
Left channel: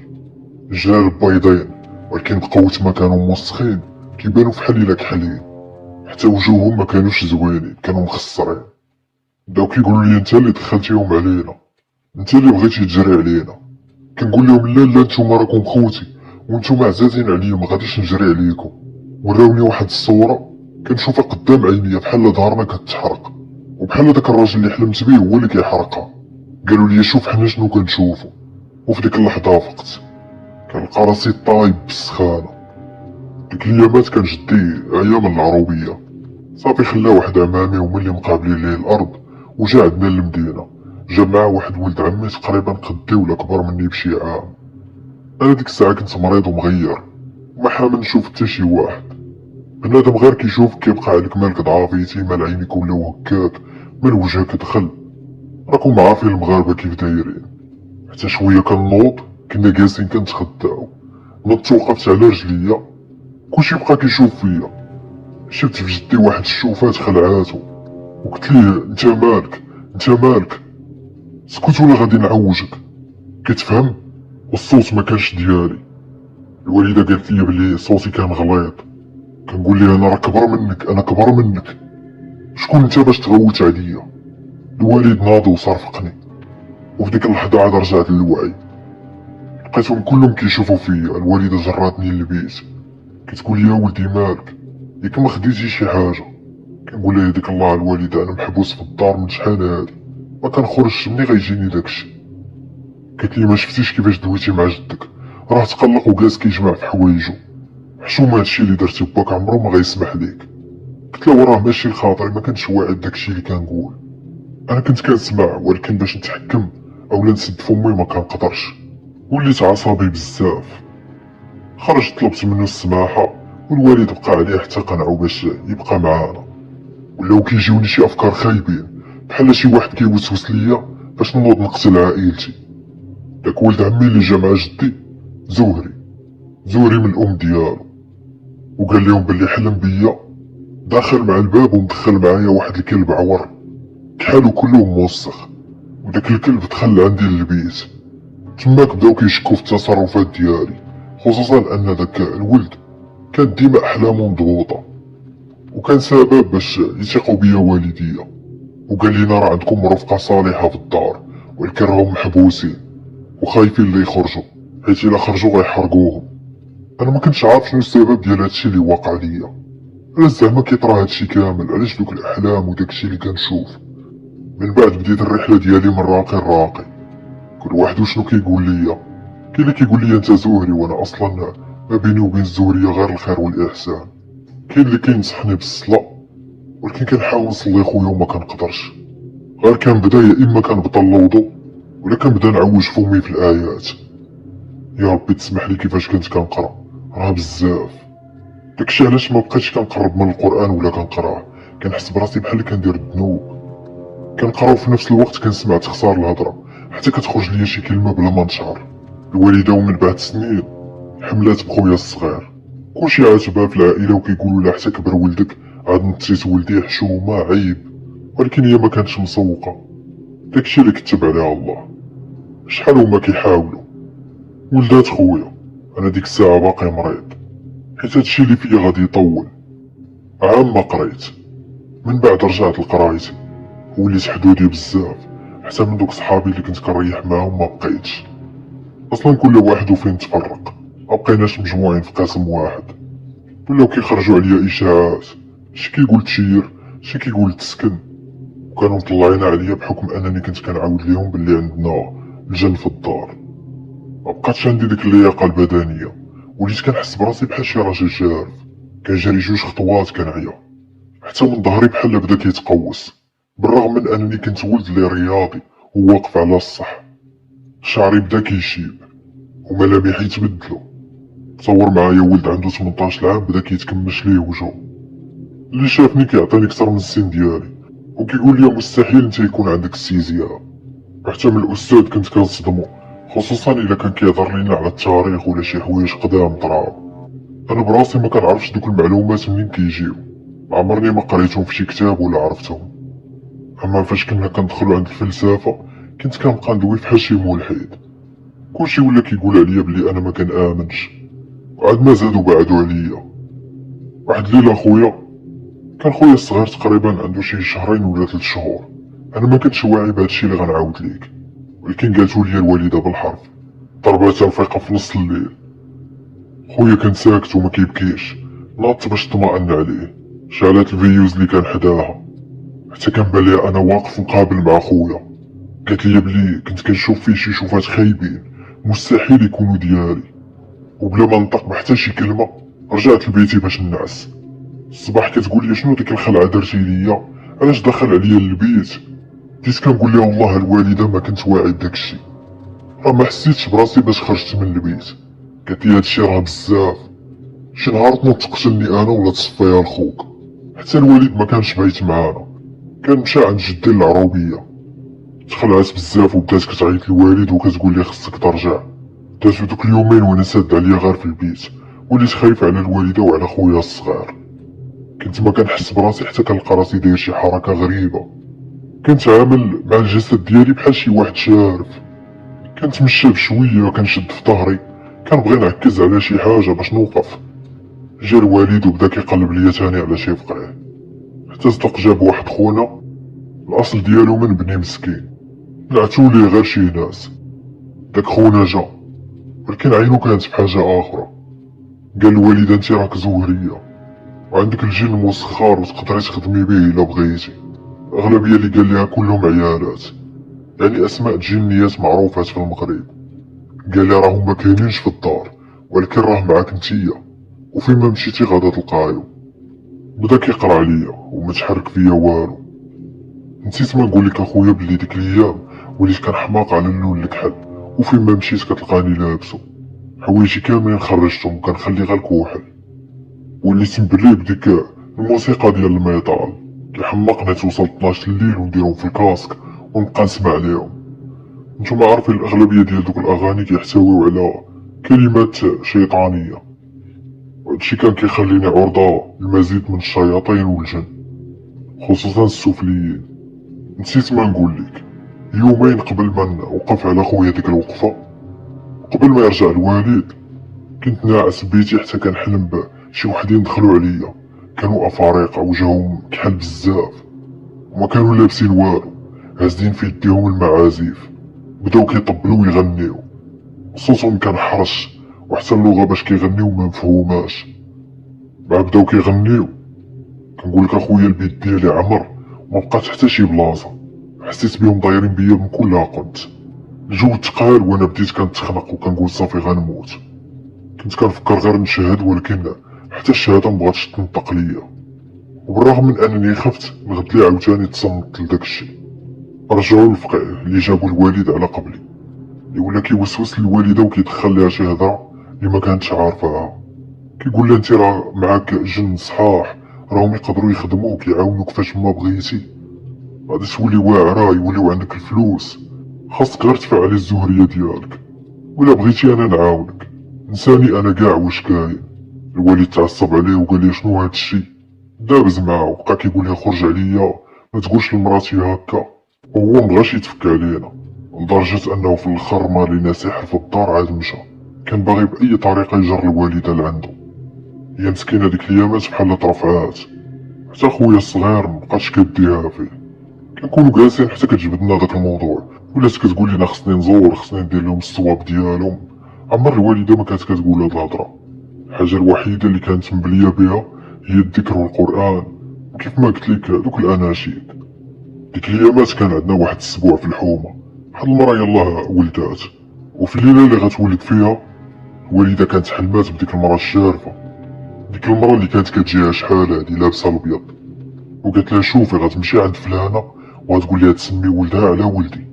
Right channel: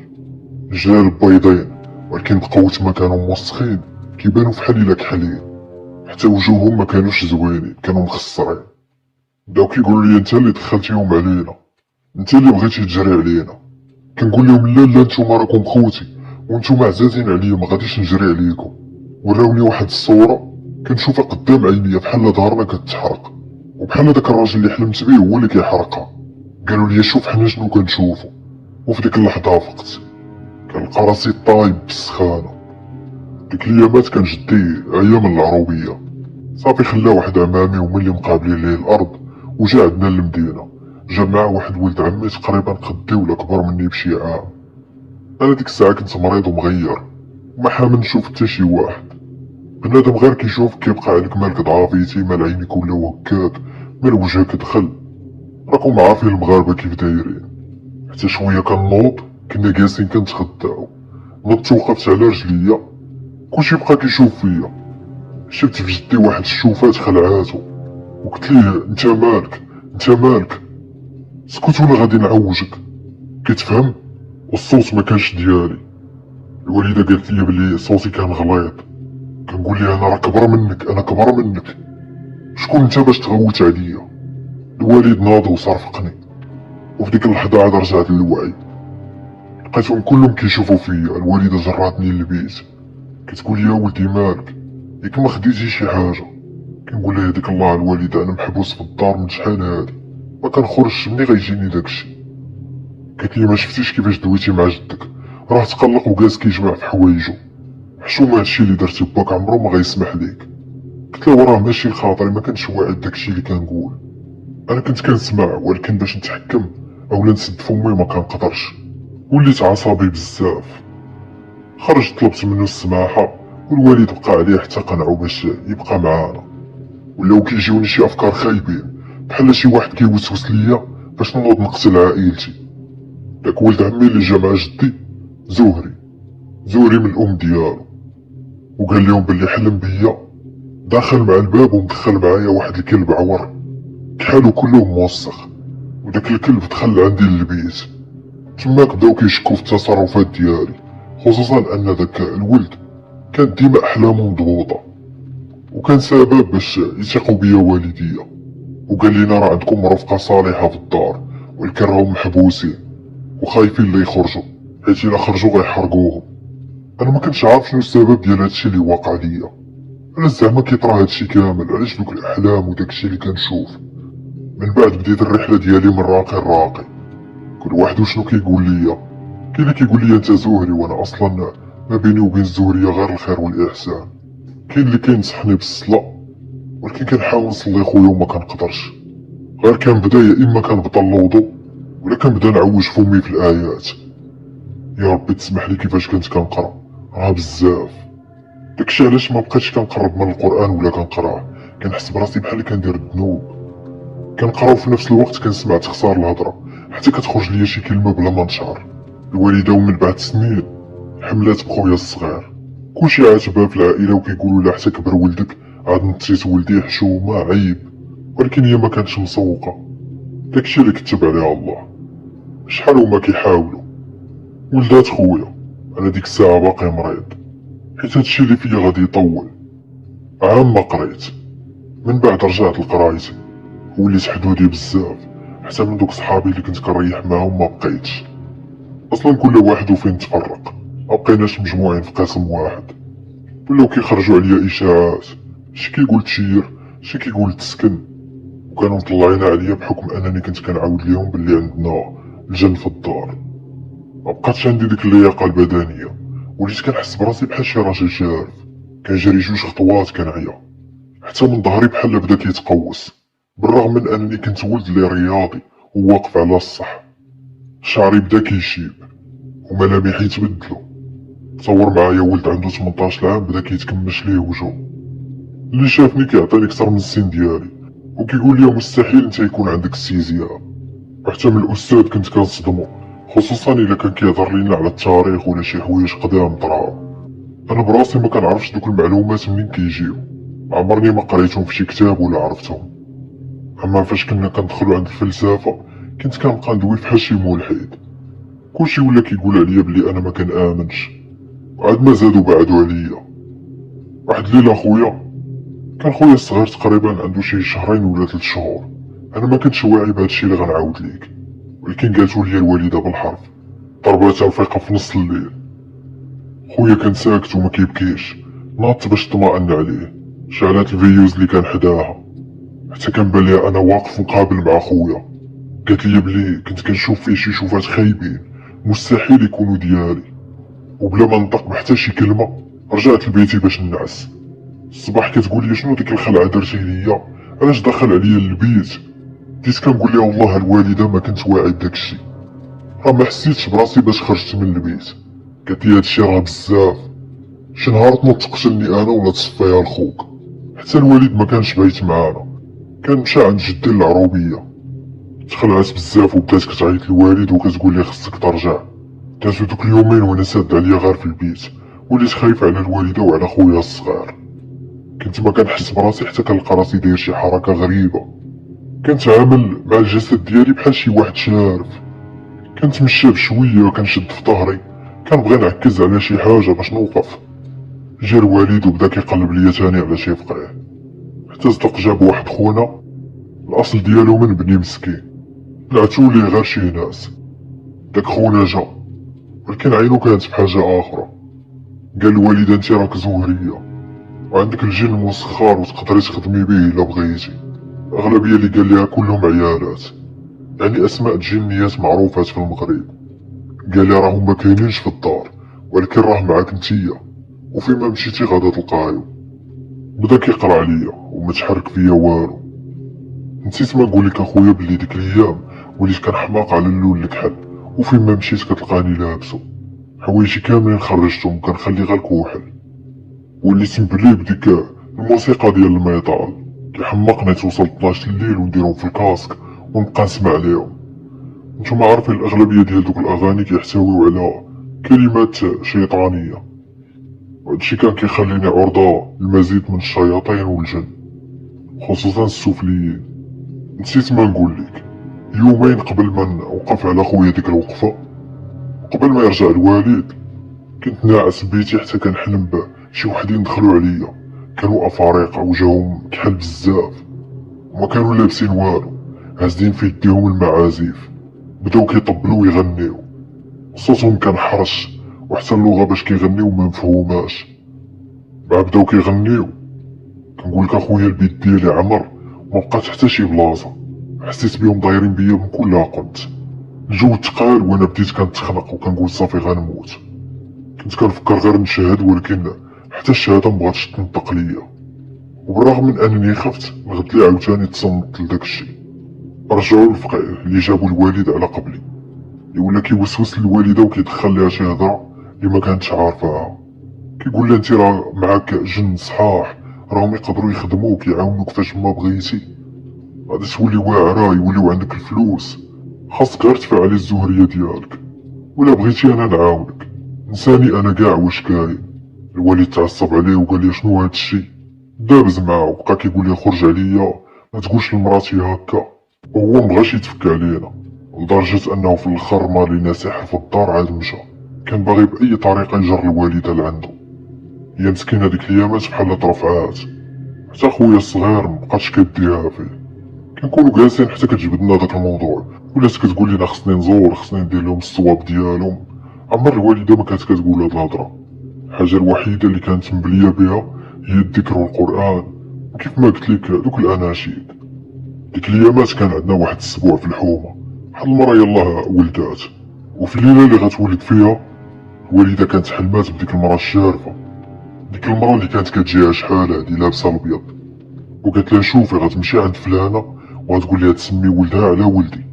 جلال بيضين، ولكن بقوة ما كانوا موسخين كيبانو فحال الا كحلين. حتى وجوههم ما كانوش زوينين، كانوا مخسرين. بداو كيقولوا لي انت اللي دخلتيهم علينا، انت اللي بغيتي تجري علينا. كنقول لهم لا لا، نتوما راكم خوتي وانتوما عزازين عليا، ما غاديش نجري عليكم. وراوني واحد الصورة كنشوفها قدام عينيا بحال ظهرنا كتحرق، وبحال داك الراجل اللي حلمت بيه هو اللي كيحرقها. قالوا لي شوف حنا شنو كنشوفو. وفي ديك اللحظة فقت، كنلقى راسي طايب بالسخانة. ديك الايامات كان جدي عيا من العروبية، صافي خلا واحد عمامي هما اللي مقابلين ليه الارض، وجا عندنا للمدينة. جا معاه واحد ولد عمي تقريبا قدي ولا كبر مني بشي عام. انا ديك الساعة كنت مريض ومغير، وما حامل نشوف حتى شي واحد. بنادم غير كيشوف كيبقى عليك مالك ضعافيتي، مال عينيك ولاو هكاك، من وجهك دخل. راكم عارفين المغاربة كيف دايرين. حتى شوية كنوض، كنا جالسين كنتغداو، نضت وقفت على رجليا، كلشي بقى كيشوف فيا. شفت في جدي واحد الشوفات خلعاتو، وقلت ليه انت مالك، انت مالك، سكت ولا غادي نعوجك، كتفهم. والصوت ما كانش ديالي. الوالده قالت لي بلي صوتي كان غليظ. كنقول لها انا راه كبر منك، انا كبر منك، شكون انت باش تغوت عليا. الوالد ناض وصرفقني، وفي ديك اللحظه عاد رجعت للوعي. لقيتهم كلهم كيشوفوا فيا. الوالده جراتني للبيت، كتقول لي ولدي مالك، ياك ما خديتي شي حاجه. كنقول لها ديك الله الوالده انا محبوس في الدار من شحال هادي، ما كنخرجش، مني غيجيني داكشي. قالت لي ما شفتيش كيفاش دويتي مع جدك، راه تقلق وجالس كيجمع في حوايجو، حشومه هادشي اللي درتي باك عمرو ما غيسمح ليك. قلت له راه ماشي خاطري، ما كنتش واعي داكشي اللي كنقول. انا كنت كنسمع، ولكن باش نتحكم اولا نسد فمي ما كنقدرش. وليت عصبي بزاف. خرجت طلبت منه السماحه، والوالد بقى عليه حتى قنعو باش يبقى معانا. ولاو كيجيوني شي افكار خايبين، بحال شي واحد كيوسوس ليا باش نوض نقتل عائلتي. داك ولد عمي اللي جا مع جدي زهري من الام ديالو، وقال لهم بلي حلم بيا داخل مع الباب ومدخل معايا واحد الكلب عور كحالو كله موسخ، وداك الكلب دخل عندي للبيت. تماك بداو كيشكو في التصرفات ديالي، خصوصا ان داك الولد كان ديما احلامه مضبوطه، وكان سبب باش يثقوا بيا والديا. وقال لينا راه عندكم مرافقه صالحه في الدار، ولكن راهم محبوسين وخايفين اللي يخرجوا، حيت الا خرجوا غيحرقوهم. انا ما كنتش عارف شنو السبب ديال هادشي اللي واقع ليا. انا زعما كيطرا هادشي كامل علاش دوك الاحلام وداكشي اللي كنشوف. من بعد بديت الرحله ديالي من راقي لراقي، كل واحد وشنو كيقول ليا. كاين اللي كيقول لي انت زهري، وانا اصلا ما بيني وبين الزهريه غير الخير والاحسان. كاين اللي كينصحني بالصلاه، ولكن كنحاول نصلي خويا وما كنقدرش. غير كنبدا يا اما كنبطل الوضو، ولا كنبدا نعوج فمي في الايات. يا ربي تسمح لي كيفاش كنت كنقرا، راه بزاف. داكشي علاش ما بقيتش كنقرب من القران ولا كنقراه، كنحس براسي بحال اللي كندير الذنوب. كنقرا وفي نفس الوقت كنسمع تخسار الهضره، حتى كتخرج ليا شي كلمه بلا ما نشعر. الوالده ومن بعد سنين حملات بخويا الصغير، كلشي عاتبها في العائله وكيقولوا لا حتى كبر ولدك عاد نتريت ولدي حشومه عيب، ولكن هي ما كانتش مسوقه. داكشي اللي كتب عليها الله. شحال هما كيحاولوا. ولدات خويا، انا ديك الساعه باقي مريض، حيت هادشي اللي فيا غادي يطول. عام ما قريت، من بعد رجعت لقرايتي، وليت حدودي بزاف، حتى من دوك صحابي اللي كنت كنريح معاهم ما بقيتش. اصلا كل واحد وفين تفرق. مبقيناش مجموعين في قسم واحد، ولاو كيخرجوا عليا اشاعات، شي كيقول تشير، شي كيقول تسكن، وكانوا مطلعين عليا بحكم انني كنت كنعاود ليهم بلي عندنا الجن في الدار. مبقاتش عندي ديك اللياقه البدنيه، وليت كنحس براسي بحال شي راجل جارف كيجري 2 خطوات كنعيا، حتى من ظهري بحال بدا كيتقوس، بالرغم من انني كنت ولد لي رياضي وواقف على الصح. شعري بدا كيشيب وملامحي تبدلو. تصور معايا ولد عنده 18 عام بدا كيتكمش ليه وجهو، اللي شافني كيعطيني كتر من السن ديالي وكيقول لي مستحيل انت يكون عندك السيزياء. حتى من الاستاذ كنت كنصدمو، خصوصا الا كان كيهضر لينا على التاريخ ولا شي حوايج قدام طراو. انا براسي ما كنعرفش دوك المعلومات منين كيجيو، ما عمرني ما قريتهم في شي كتاب ولا عرفتهم. اما فاش كنا كندخلو عند الفلسفه كنت كنبقى ندوي فحال شي ملحد، كلشي ولا كيقول عليا بلي انا ما كنآمنش، وعاد ما زادو بعدو عليا. واحد الليله خويا، كان خويا الصغير تقريبا عنده شي 2 ولا 3 شهور، انا ما كنتش واعي بهادشي اللي غنعاود ليك، ولكن قالتو لي الوالده بالحرف، ضربات الفيقه في نص الليل. خويا كان ساكت وما كيبكيش، ناضت باش طمأن عليه، شعلات الفيوز اللي كان حداها، حتى كان بالي انا واقف مقابل مع خويا. قالت لي بلي كنت كنشوف فيه شي شوفات خايبين مستحيل يكونوا ديالي، وبلا ما نطق بحتى شي كلمه رجعت لبيتي باش نعس. الصباح كتقول لي شنو ديك الخلعه درتي ليا، علاش دخل عليا للبيت؟ بديت كنقول لها والله الوالده ما كنت واعي بداكشي، ما حسيتش براسي باش خرجت من البيت. قالت لي هادشي راه بزاف، شي نهار تنوض تقتلني انا ولا تصفيها لخوك. حتى الوالد ما كانش بايت معانا، كان مشى عند جدي العروبيه. تخلعت بزاف وبدات كتعيط للوالد وكتقول لي خصك ترجع. دازو دوك اليومين وانا ساد عليا غير في البيت، وليت خايف على الوالده وعلى خويا الصغير. كنت ما كنحس براسي حتى كنلقى راسي داير شي حركه غريبه، كنت عامل مع الجسد ديالي بحال شي واحد شارف. كنتمشى بشويه وكنشد في ظهري، كنبغي نعكز على شي حاجه باش نوقف. جا الوالد وبدا كيقلب ليا تاني على شي فقريه، حتى صدق جاب واحد خونا الاصل ديالو من بني مسكين، لعتو ليه غير شي ناس. داك خونا جا، ولكن عينو كانت بحاجه اخرى. قال الوالده انت راك زهريه وعندك الجن مسخر وتقدري تخدمي به الا بغيتي. الاغلبيه اللي قال ليها كلهم عيالات، يعني اسماء جنيات معروفات في المغرب. قال لي راهم ما كاينينش في الدار، ولكن راه معاك نتيا، وفيما مشيتي غادا تلقايو. بدا كيقرا عليا وما تحرك فيا والو. نسيت ما نقولك اخويا بلي ديك الايام وليت كنحماق على اللون الكحل، وفيما مشيت كتلقاني لابسو. حوايجي كاملين خرجتهم وكنخلي غير الكوحل. وليت نبري بديك الموسيقى ديال الميطال، كيحمقني توصل 12 الليل ونديرهم في الكاسك ونبقى نسمع ليهم. نتوما عارفين الاغلبيه ديال دوك الاغاني كيحتويو على كلمات شيطانيه، وهادشي كان كيخليني عرضه للمزيد من الشياطين والجن، خصوصا السفليين. نسيت ما نقول لك، يومين قبل ما نوقف على خويا ديك الوقفه، قبل ما يرجع الوالد، كنت ناعس بيتي حتى كنحلم بشي وحدين دخلوا عليا. كانوا افارقه وجههم كحل بزاف، وما كانوا لابسين والو، هازين في يديهم المعازيف. بداو كيطبلوا ويغنيو، صوتهم كان حرش، وحتى اللغه باش كيغنيو ما مفهوماش. مع بداو كيغنيو كنقولك اخويا البيت ديالي عمر، ما بقات حتى شي بلاصه، حسيت بهم دايرين بيا من كل قنت. الجو تقال وانا بديت كنتخنق وكنقول صافي غنموت. كنت كنفكر غير نشهد، ولكن حتى الشهاده مبغاتش تنطق ليا. وبالرغم من انني خفت، الغد لي عاوتاني تصنت لداك الشيء. رجعوا الفقيه اللي جابوا الوالد على قبلي، اللي ولا كيوسوس للوالده وكيدخل ليها شي هضره اللي ما كانتش عارفاها. كيقول لها انت راه معاك جن صحاح، راهم يقدروا يخدموك يعاونوك فاش ما بغيتي، غادي تولي واعره يوليو عندك الفلوس، خاصك غير تفعلي الزهريه ديالك، ولا بغيتي انا نعاونك. نساني انا كاع واش كاين. الوالد تعصب عليه وقال لي شنو هاد الشي، دابز معاه وبقى كيقول لي خرج عليا ما تقولش لمراتي هكا. وهو مبغاش يتفك علينا، لدرجة انه في الاخر ما لينا سحر في الدار عاد مشى. كان باغي باي طريقة يجر الوالدة لعندو. هي مسكينة ديك الايامات بحال طرفعات، حتى خويا الصغير مبقاتش كديها فيه. كنكونو جالسين حتى كتجبدنا داك الموضوع، ولات كتقول لينا خصني نزور، خصني ندير لهم الصواب ديالهم، عمر الوالدة ما كانت كتقول هاد الهضرة. الحاجة الوحيدة اللي كانت مبلية بها هي الذكر والقرآن، وكيف ما قلت لك دوك الأناشيد. ديك الأيامات كان عندنا واحد السبوع في الحومة، واحد المرا يلاه ولدات، وفي الليلة اللي غتولد فيها الوالدة كانت حلمات بديك المرا الشارفة، ديك المرا اللي كانت كتجيها شحال هادي لابسة الأبيض، وقالت لها شوفي غتمشي عند فلانة وغتقول لها تسمي ولدها على ولدي،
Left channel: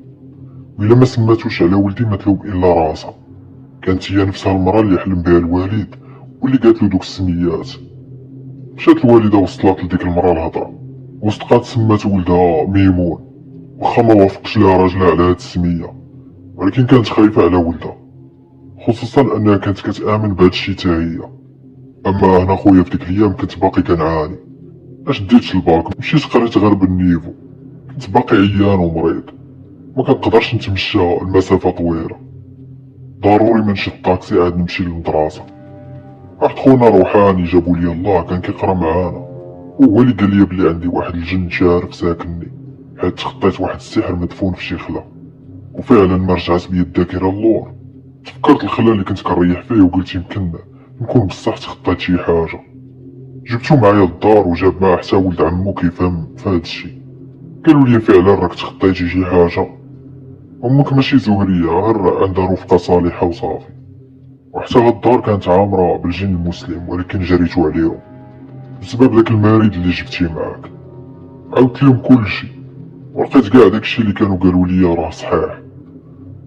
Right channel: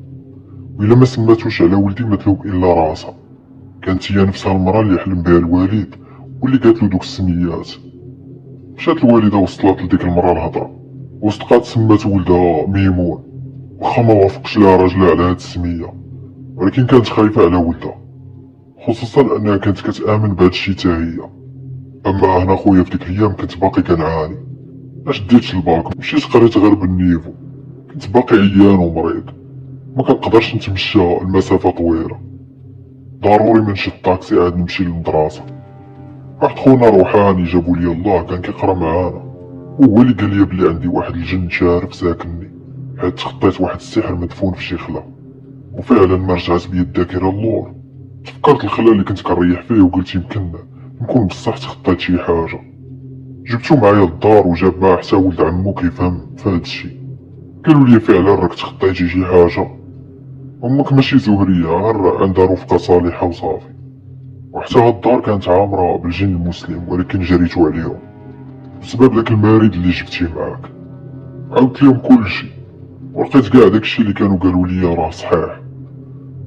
وإلا ما سماتوش على ولدي ما تلوم إلا راسها. كانت هي نفسها المرا اللي حلم بها الوالد واللي قالت له دوك السميات. مشات الوالدة وصلات لديك المرا الهضرة، وصدقات سمات ولدها ميمون، واخا ما وافقش لها راجلها على هاد السمية، ولكن كانت خايفة على ولدها، خصوصا انها كانت كتآمن بهاد الشي تا هي. اما انا خويا في ديك الايام كنت باقي كنعاني، ما شديتش الباك، مشيت قريت غير بالنيفو، كنت باقي عيان ومريض، ما كنقدرش نتمشى المسافة طويلة، ضروري من شد طاكسي عاد نمشي للمدرسة. واحد خونا روحاني جابو لي الله كان كيقرا معانا، وهو اللي قال لي بلي عندي واحد الجن شارف ساكنني، حيت تخطيت واحد السحر مدفون في شي خلا، وفعلا ما رجعت بيا الذاكرة اللور. تفكرت الخلا اللي كنت كنريح فيه وقلت يمكن نكون بصح تخطيت شي حاجة. جبتو معايا للدار وجاب معاه حتى ولد عمو كيفهم في هاد الشي، قالوا لي فعلا راك تخطيتي شي حاجة، امك ماشي زهرية غير عندها رفقة صالحة وصافي. وحتى هاد الدار كانت عامرة بالجن المسلم، ولكن جريتو عليهم بسبب داك المارد اللي جبتيه معاك. عاودت لهم كلشي ولقيت كاع داكشي اللي كانوا قالوا لي راه صحيح،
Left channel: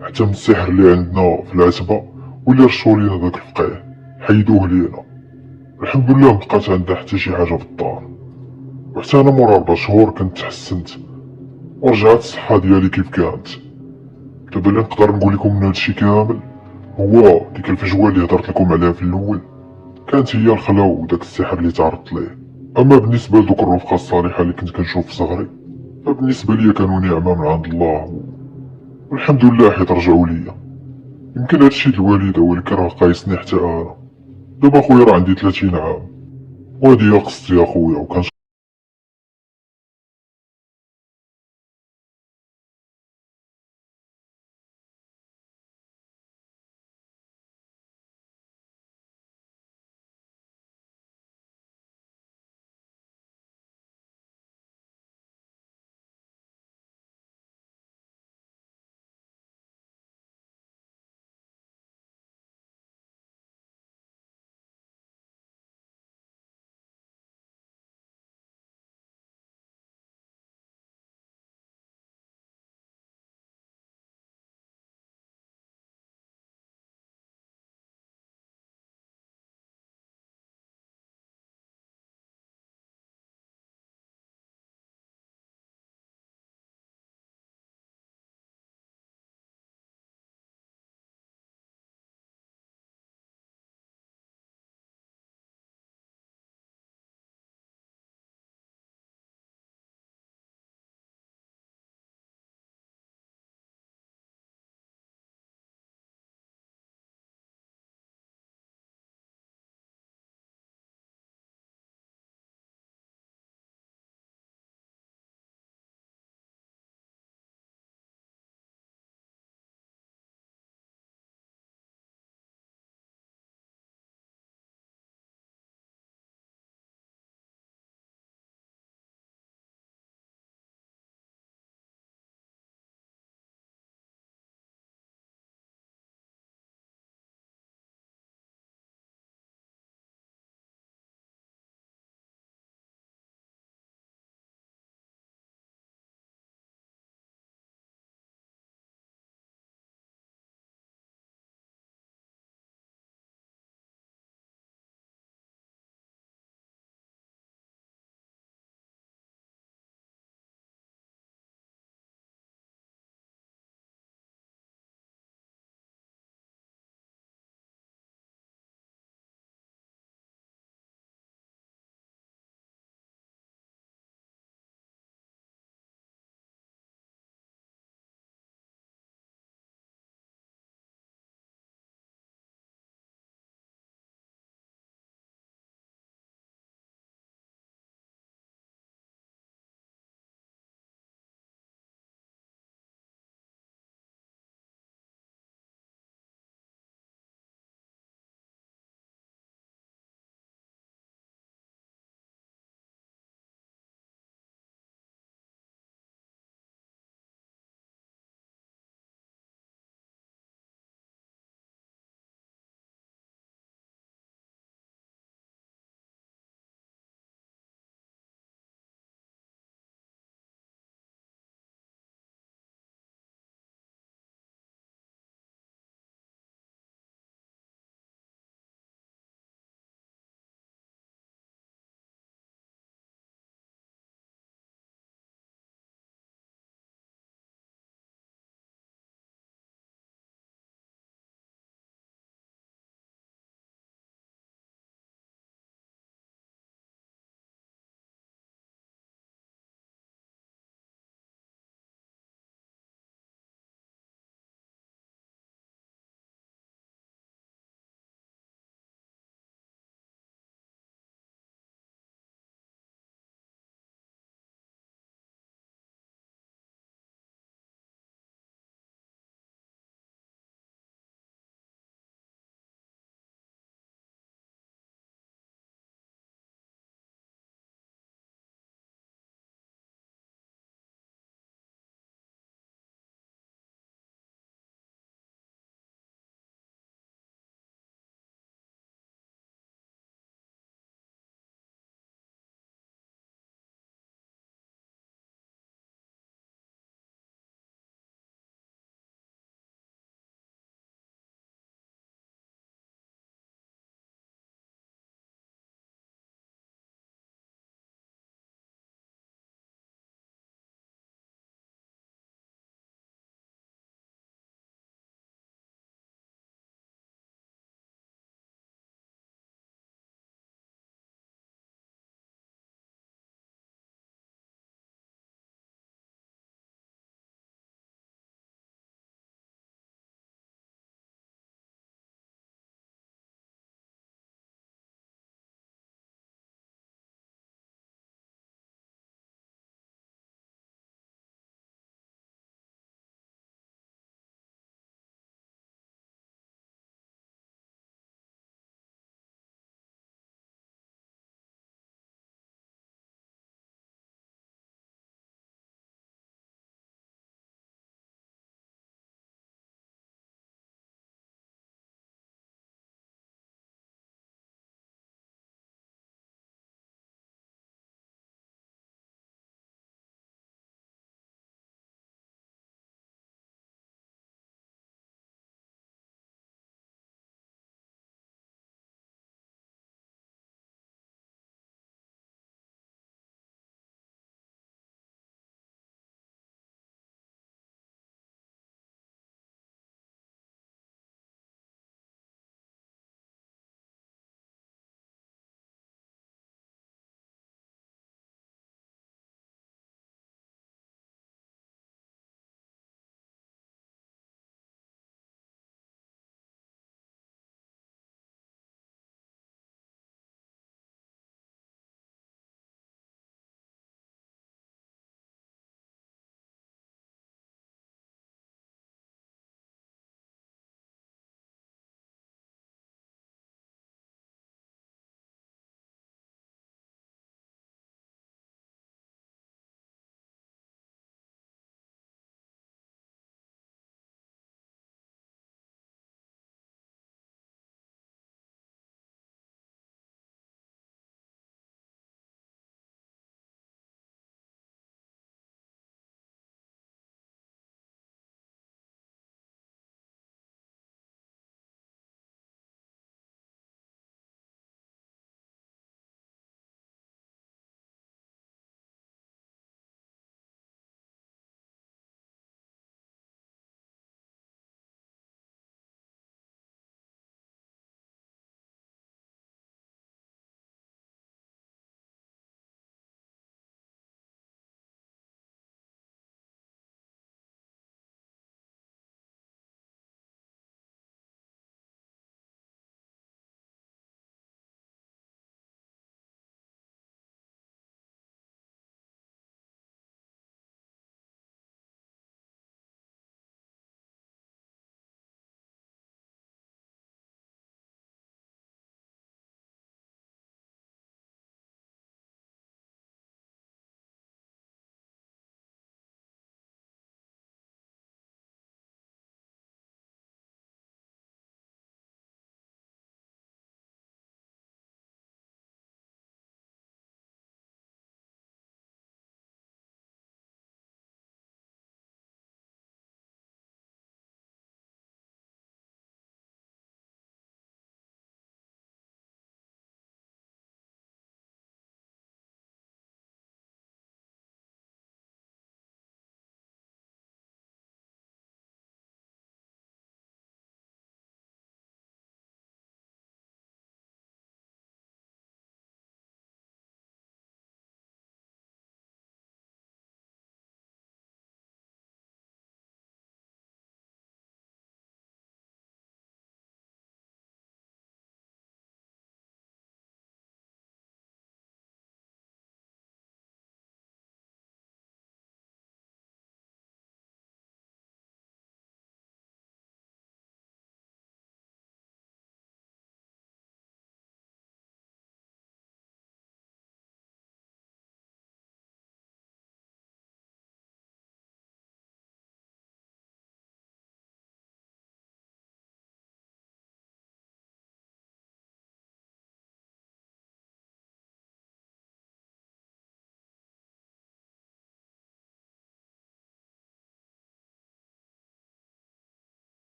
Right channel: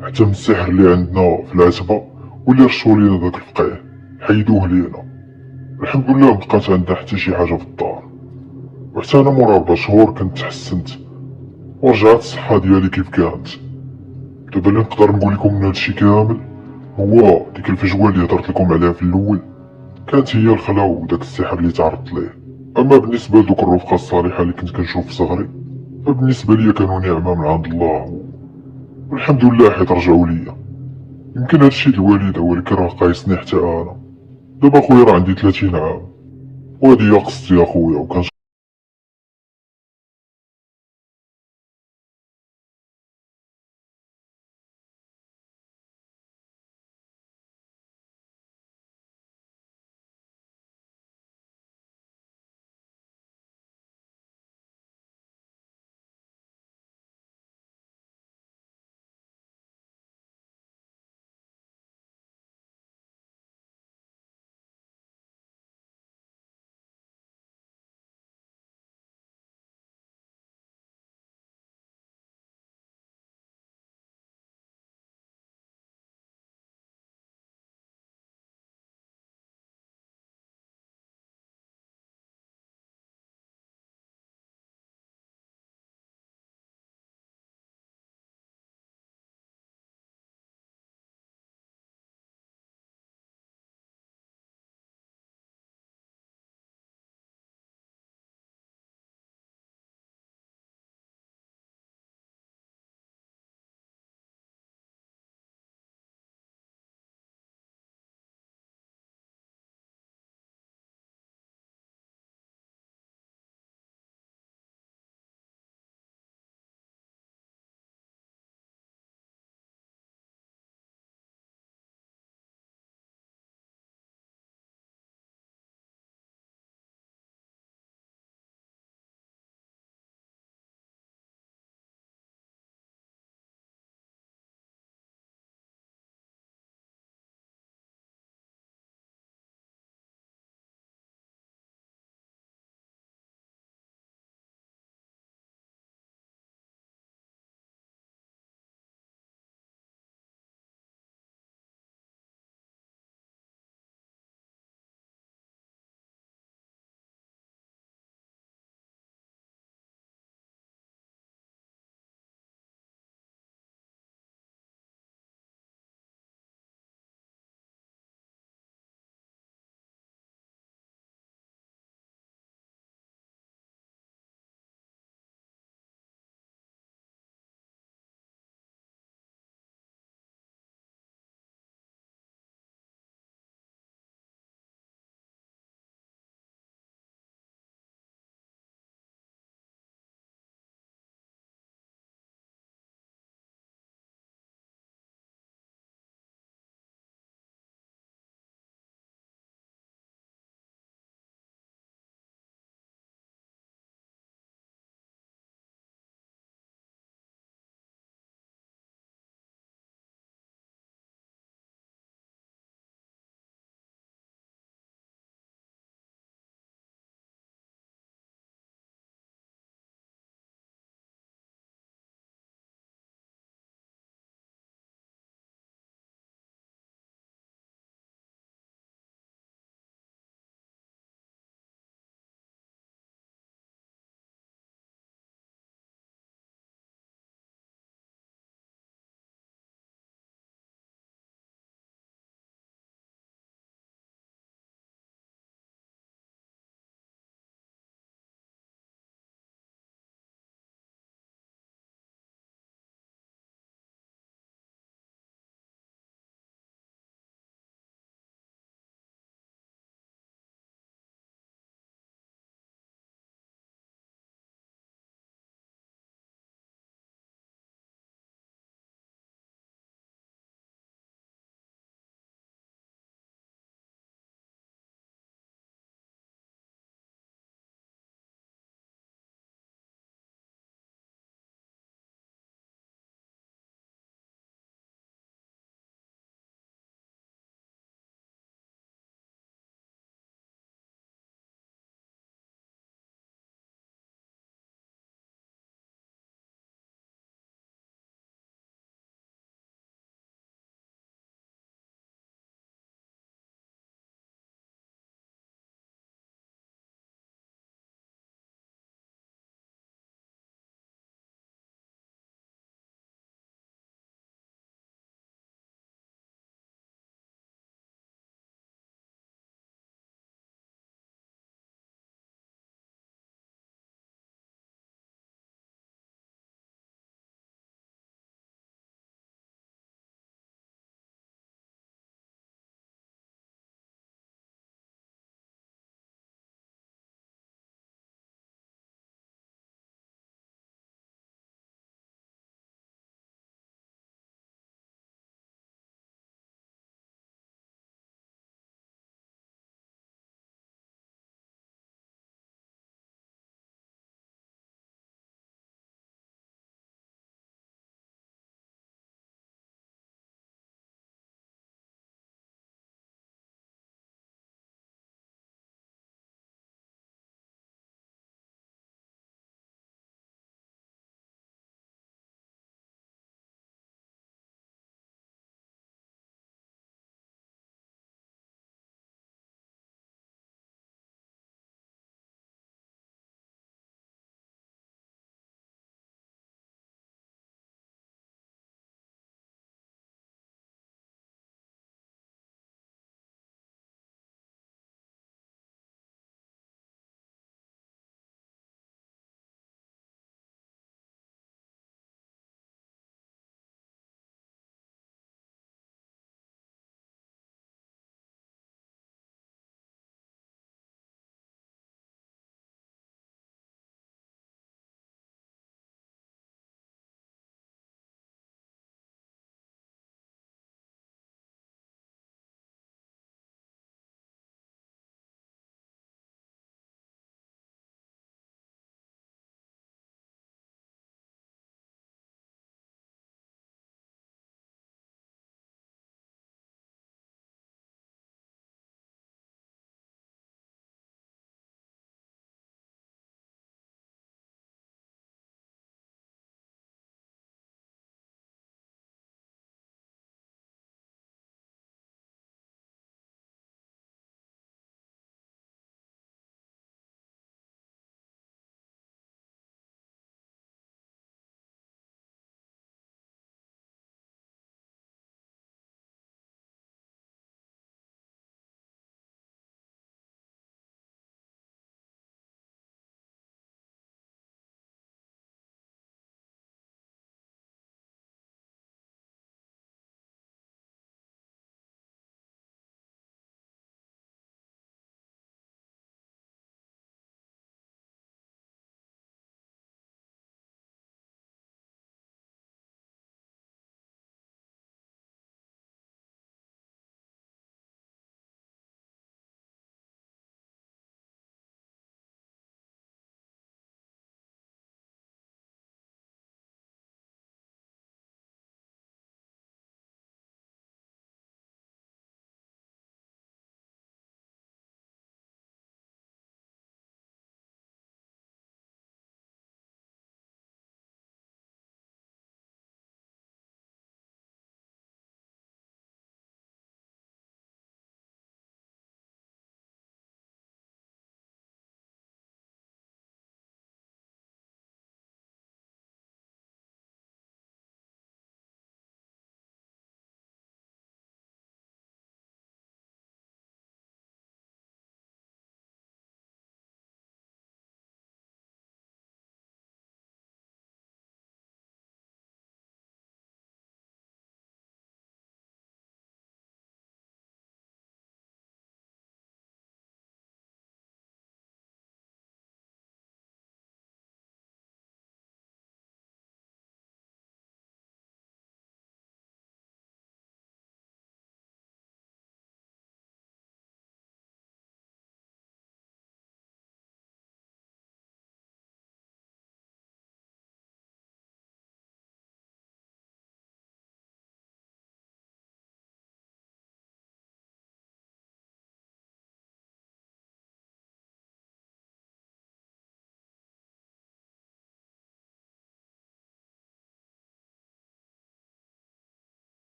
حتى من السحر اللي عندنا في العتبة واللي رشوا لينا داك الفقيه حيدوه لينا. الحمد لله مبقات عندها حتى شي حاجة في الدار، وحتى انا مورا 4 شهور كنت تحسنت ورجعت الصحة ديالي كيف كانت. دابا اللي نقدر نقول لكم من هادشي كامل هو ديك الفجوة اللي هضرت لكم عليها في الاول كانت هي الخلا وداك السحر اللي تعرضت ليه. اما بالنسبة لدوك الرفقة الصالحة اللي كنت كنشوف في صغري فبالنسبة ليا كانوا نعمة من عند الله، والحمد لله حيت رجعوا ليا. يمكن هادشي د الوالدة ولكن راه قايسني حتى انا. دابا خويا راه عندي 30 عام، وهادي هي قصتي اخويا، وكان